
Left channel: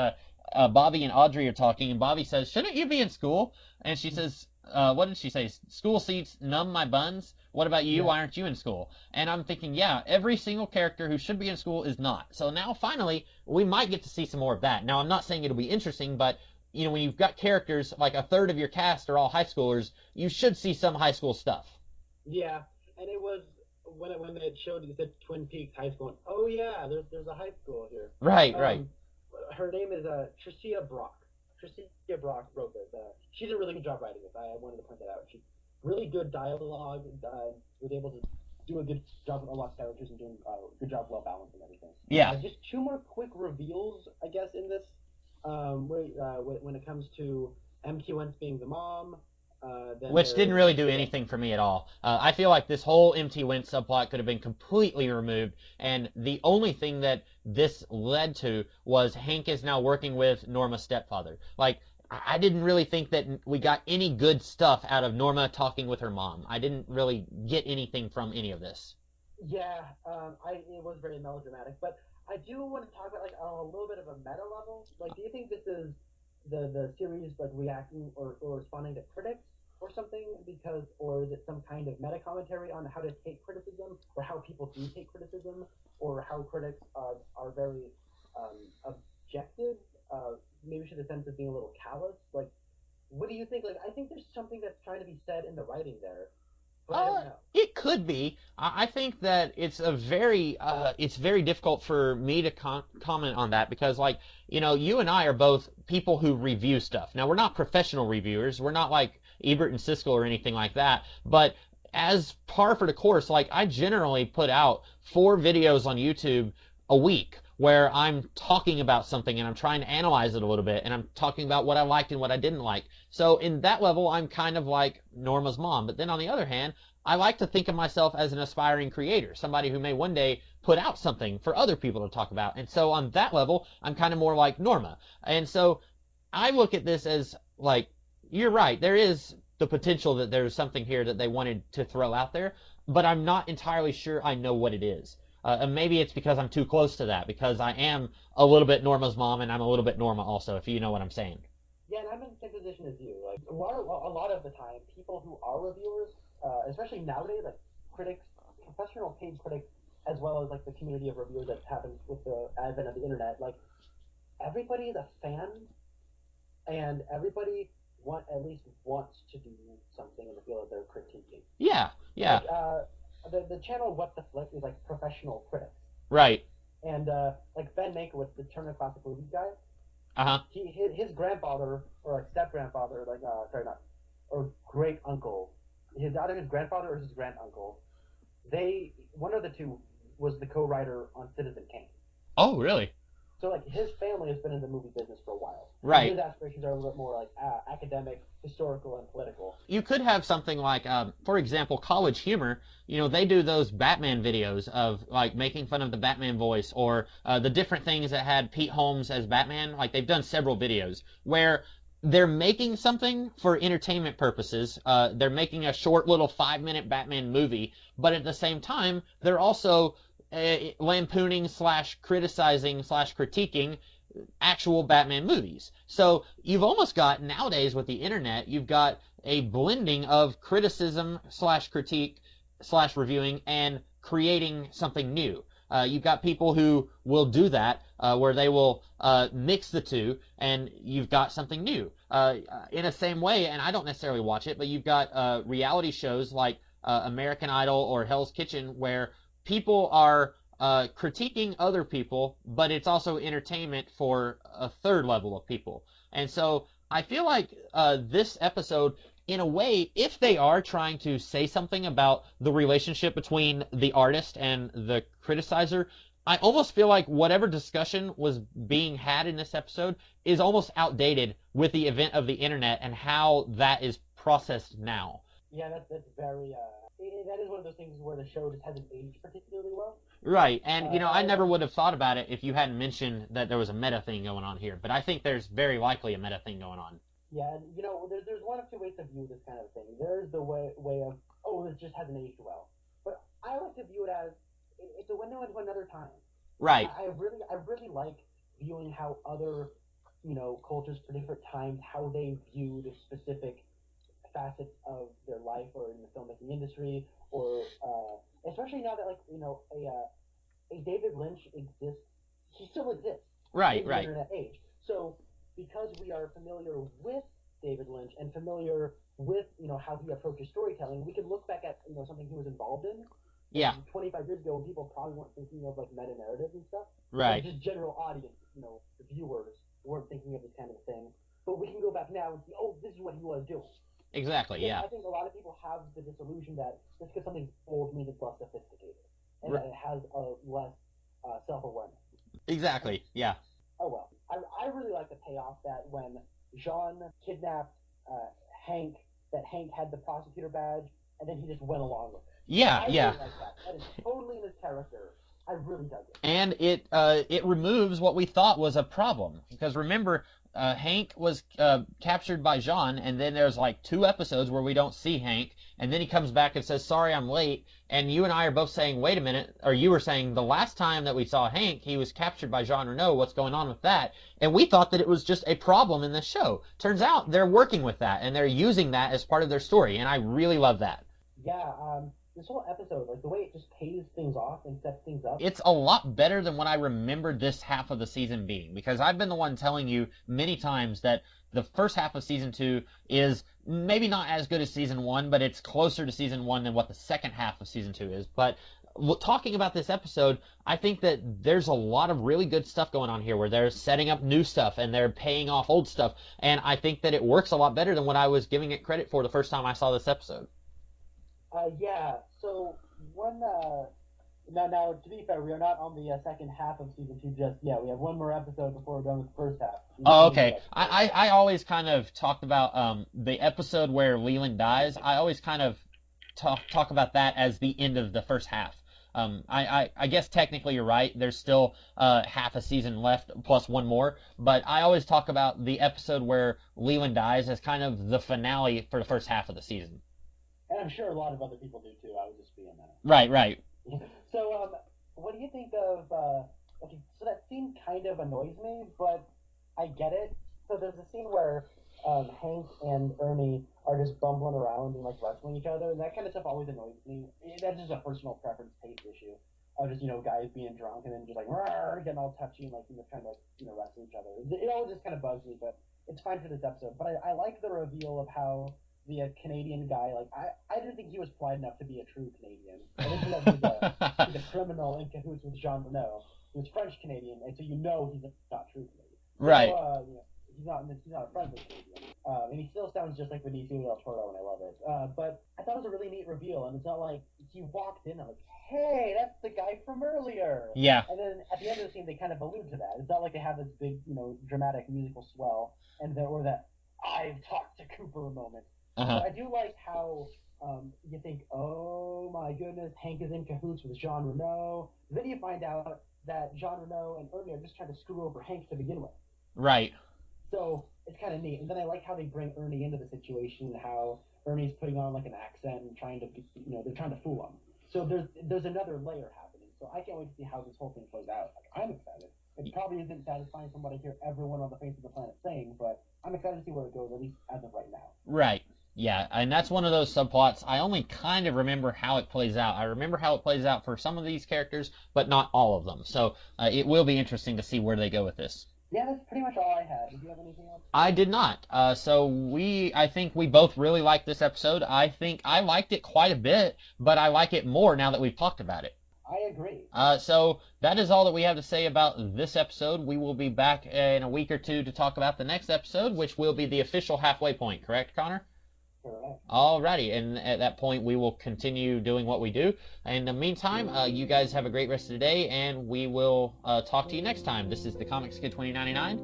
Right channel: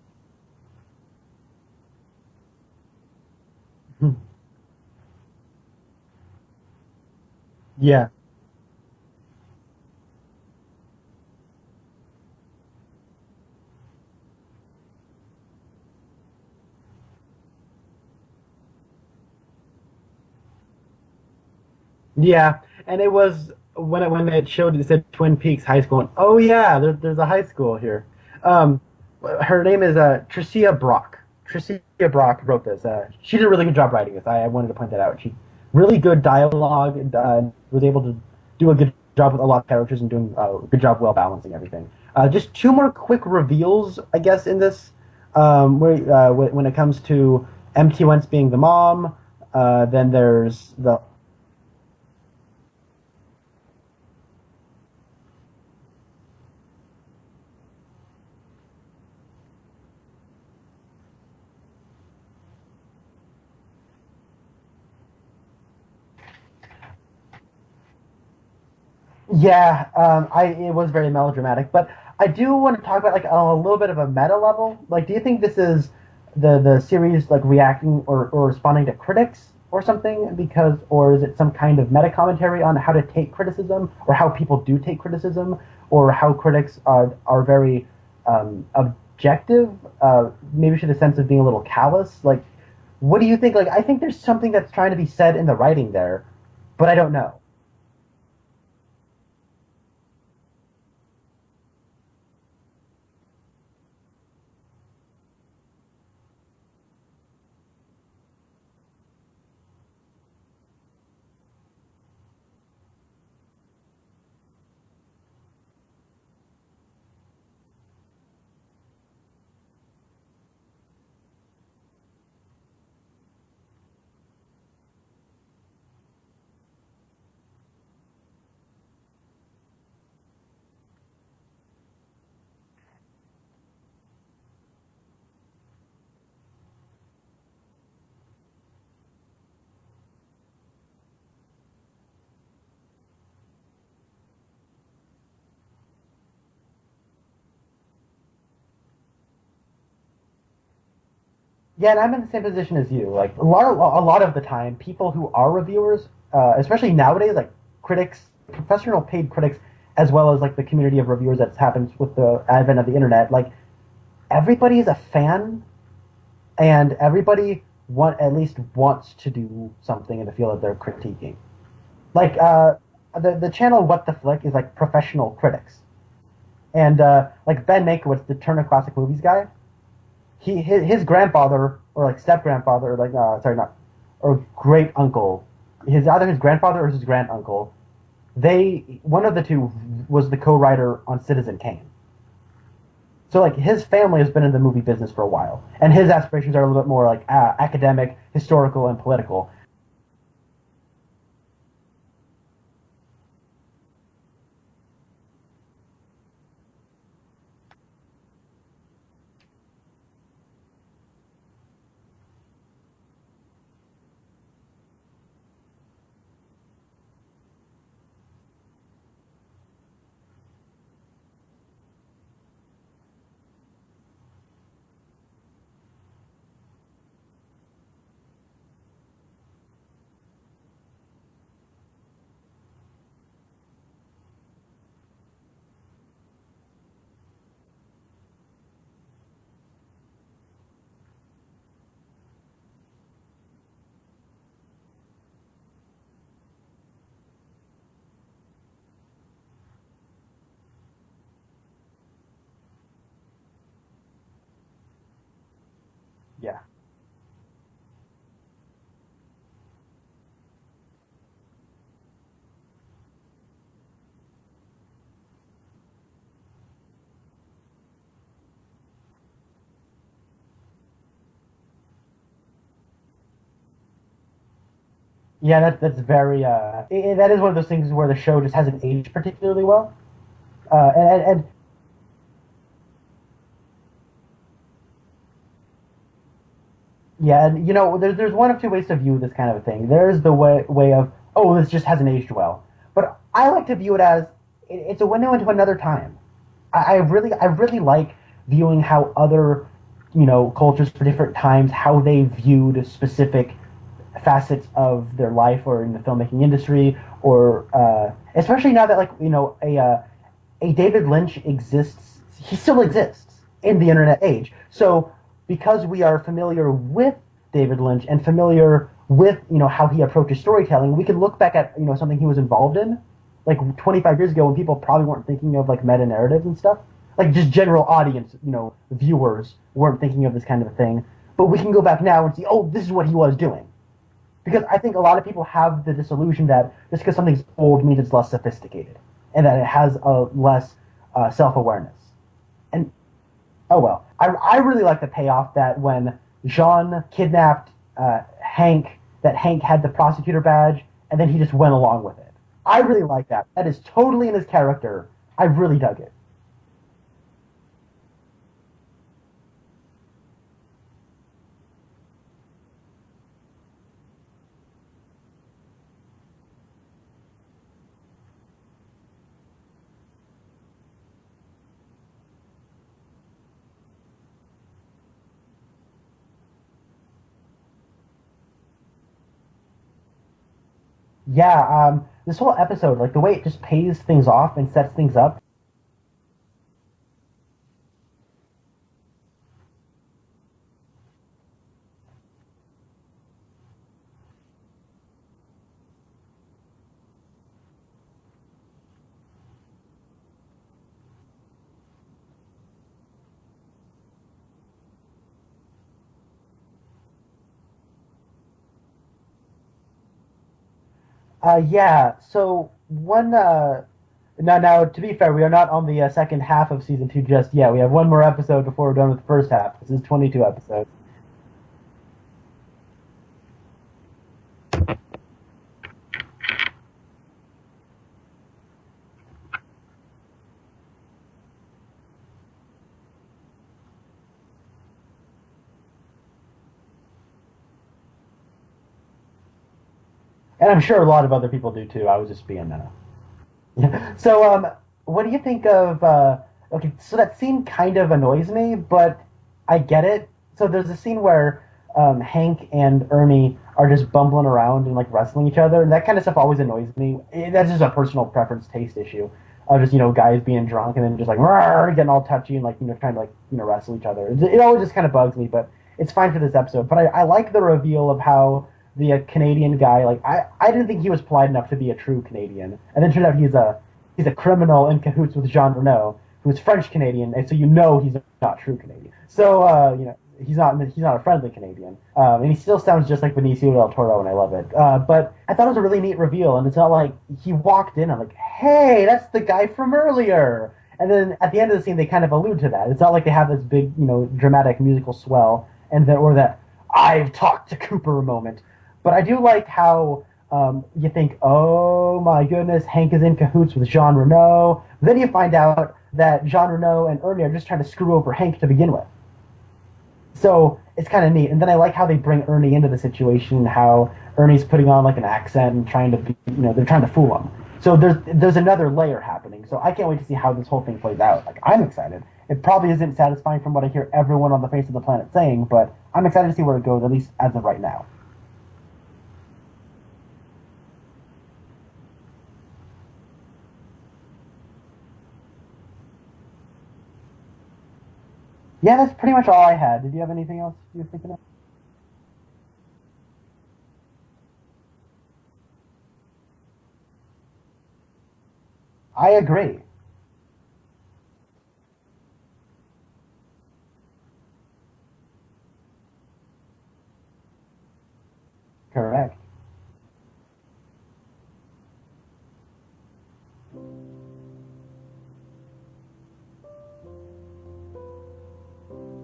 Bobby and Audrey are talking, and Bobby says, "Shouldn't you be in school?" And she says, "What did she say? School seats numb my buns. What about you? Yeah. Why aren't you in school?" And I'm thinking, yeah, every single character who should be in school is not. So now finally, we might get to see some more of that. Now I'm not saying it'll be interesting, but when you've got characters like a third of your cast are all high schoolers, you should see some high school stuff. Yeah, and it was when it showed it said Twin Peaks High School. And, oh yeah, there's a high school here. Right, right. Um, her name is Tricia Brock. Tricia Brock wrote this. She did a really good job writing this. I wanted to point that out. She really good dialogue. And, was able to do a good job with a lot of characters and doing a good job well balancing everything. Yeah. Just two more quick reveals, I guess, in this. When it comes to MT Wentz being the mom. Then Which there's didn't really do anything for me at all. I feel like this whole MT Wentz subplot could have been completely removed, and the only thing that this led to was Hank is now working with Norma's stepfather. Like, I didn't really think that we got any good stuff out of Norma talking with her mom. I didn't really get anything from any of this. Yeah, it was very melodramatic, but I do want to talk about like on a little bit of a meta level. Like, do you think this is the series like reacting or responding to critics or something? Or is it some kind of meta commentary on how to take criticism or how people do take criticism or how critics are very objective, maybe to the sense of being a little callous? Like, what do you think? Like, I think there's something that's trying to be said in the writing there, but I don't know. It could be. I think that it's very difficult for me to comment on that because, like, you and I are both people who review stuff. Now, we're not professional reviewers. We're not like Ebert and Siskel or anything like that. But as par for the course, like, I generally put out 4 videos on YouTube a week where I'm talking about something and I'm trying to analyze it a little bit and I'm talking about what I liked and what I didn't like. So in that level, I'm kind of like Norma's mom. But then on the other hand, I like to think of myself as an aspiring creator, somebody who may one day put out something for other people to talk about. And so on that level, I'm kind of more like Norma. And so I look at this as like, you're right, there is the potential that there's something here that they wanted to throw out there, but I'm not entirely sure I know what it is. And maybe it's because I'm too close to that, because I am a little bit Norma's mom and I'm a little bit Norma also, if you know what I'm saying. Yeah, and I'm in the same position as you. Like a lot of the time, people who are reviewers, especially nowadays, like critics, professional paid critics, as well as like the community of reviewers that's happened with the advent of the internet, like everybody is a fan, and everybody at least wants to do something in the field that they're critiquing. Yeah, Like yeah, the channel What the Flick is like professional critics, right. and like Ben Mankiewicz, the Turner Classic Movies guy. Uh-huh. His grandfather or like step grandfather or like sorry not or great uncle either his grandfather or his granduncle. One of the two was the co-writer on Citizen Kane. Oh, really? So like his family has been in the movie business for a while, and Right. his aspirations are a little bit more like academic, historical, and political. You could have something like, for example, College Humor. They do those Batman videos of like making fun of the Batman voice or the different things that had Pete Holmes as Batman. Like they've done several videos where they're making something for entertainment purposes. They're making a short little 5-minute Batman movie, but at the same time, they're also lampooning / criticizing / critiquing actual Batman movies. So you've almost got, nowadays with the internet, you've got a blending of criticism / critique / reviewing and creating something new. You've got people who will do that, where they will mix the two, and you've got something new. In the same way, and I don't necessarily watch it, but you've got reality shows like American Idol or Hell's Kitchen, where people are critiquing other people, but it's also entertainment for a third level of people. And so Yeah. I feel like this episode, in a way, if they are trying to say something about the relationship between the artist and the criticizer, I almost feel like whatever discussion was being had in this episode is almost outdated with the event of the internet and how that is processed now. Yeah, that's very. That is one of those things where the show just hasn't aged particularly well. Right, and I never And would have thought about it if you hadn't mentioned that there was a meta thing going on here. But I think there's very likely a meta thing going on. yeah, and there's one of two ways to view this kind of thing. There's the way of, oh, this just hasn't aged well, but I like to view it as it's a window into another time. Right. I really like viewing how other cultures for different times, how they viewed specific facets of their life or in the filmmaking industry, or especially now that a David Lynch exists. He still exists Right, in the right. internet age. So because we are familiar with David Lynch and familiar with how he approaches storytelling, we can look back at something he was involved in, like Yeah. 25 years ago when people probably weren't thinking of like meta narratives and stuff. Like Right. just general audience, viewers weren't thinking of this kind of thing. But we can go back now and see, oh, this is what he was doing. Exactly. Because Yeah. I think a lot of people have the disillusion that just because something's old means it's less sophisticated, and that it has a less self-awareness. Exactly. Yeah. Oh well, I really like the payoff that when Jean kidnapped Hank, that Hank had the prosecutor badge, and then he just went along with it. Yeah. I really yeah. like that. That is totally in his character. I really dug it. And it removes what we thought was a problem, because remember, Hank was captured by Jean, and then there's like 2 episodes where we don't see Hank, and then he comes back and says, sorry, I'm late. And you and I are both saying, wait a minute, or you were saying the last time that we saw Hank, he was captured by Jean Reno. What's going on with that? And we thought that it was just a problem in this show. Turns out they're working with that, and they're using that as part of their story, and I really love that. Yeah, this whole episode, like the way it just pays things off and sets things up. It's a lot better than what I remembered this half of the season being, because I've been the one telling you many times that the first half of season 2 is maybe not as good as season 1, but it's closer to season 1 than what the second half of season 2 is. But talking about this episode, I think that there's a lot of really good stuff going on here where they're setting up new stuff and they're paying off old stuff, and I think that it works a lot better than what I was giving it credit for the first time I saw this episode. Yeah. So one. Now, to be fair, we are not on the second half of season 2 just yet. We have one more episode before we're done with the first half. This is 22 Oh, okay. episodes. I always kind of talked about the episode where Leland dies. I always kind of talk about that as the end of the first half. I guess technically you're right. There's still half a season left plus one more. But I always talk about the episode where Leland dies as kind of the finale for the first half of the season. And I'm sure a lot of other people do too. I was just being Right, right. So, what do you think of? Okay, so that scene kind of annoys me, but I get it. So there's a scene where Hank and Ernie are just bumbling around and like wrestling each other, and that kind of stuff always annoys me. That's just a personal preference, taste issue of just guys being drunk and then just like getting all touchy and like trying to like wrestle each other. It always just kind of bugs me, but it's fine for this episode. But I like the reveal of how the Canadian guy, like I didn't think he was polite enough to be a true Canadian, and then it turned out he's a criminal in cahoots with Jean Reno, who's French Canadian, and so he's not true Canadian. So Right. he's not a friendly Canadian, and he still sounds just like Benicio del Toro, and I love it. But I thought it was a really neat reveal, and it's not like he walked in. I'm like, hey, that's the guy from earlier. Yeah. And then at the end of the scene, they kind of allude to that. It's not like they have this big, dramatic musical swell, and then or that I've talked to Cooper moment. But I do like how you think, oh my goodness, Hank is in cahoots with Jean Reno. Then you find out that Jean Reno and Ernie are just trying to screw over Hank to begin with. Right. So it's kind of neat. And then I like how they bring Ernie into the situation, how Ernie's putting on like an accent and trying to be, they're trying to fool him. So there's another layer happening. So I can't wait to see how this whole thing plays out. Like, I'm excited. It probably isn't satisfying from what I hear everyone on the face of the planet saying, but I'm excited to see where it goes, at least as of right now. Right. Yeah, and that's one of those subplots. I only kind of remember how it plays out. I remember how it plays out for some of these characters, but not all of them. So it will be interesting to see where they go with this. Yeah, that's pretty much all I had. Did you have anything else? I did not. So I think we both really liked this episode. I think I liked it quite a bit, but I like it more now that we've talked about it. I agree. So that is all that we have to say about this episode. We will be back in a week or two to talk about the next episode, which will be the official halfway point. Correct, Connor? Correct. Alrighty, and at that point we will continue doing what we do. In the meantime, you guys have a great rest of the day, and we will talk to you next time. This is the Comics Kid 2099.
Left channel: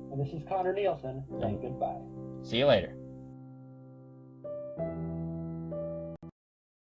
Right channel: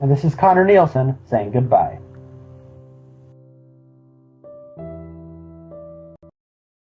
And this is Connor Nielsen saying goodbye. See you later.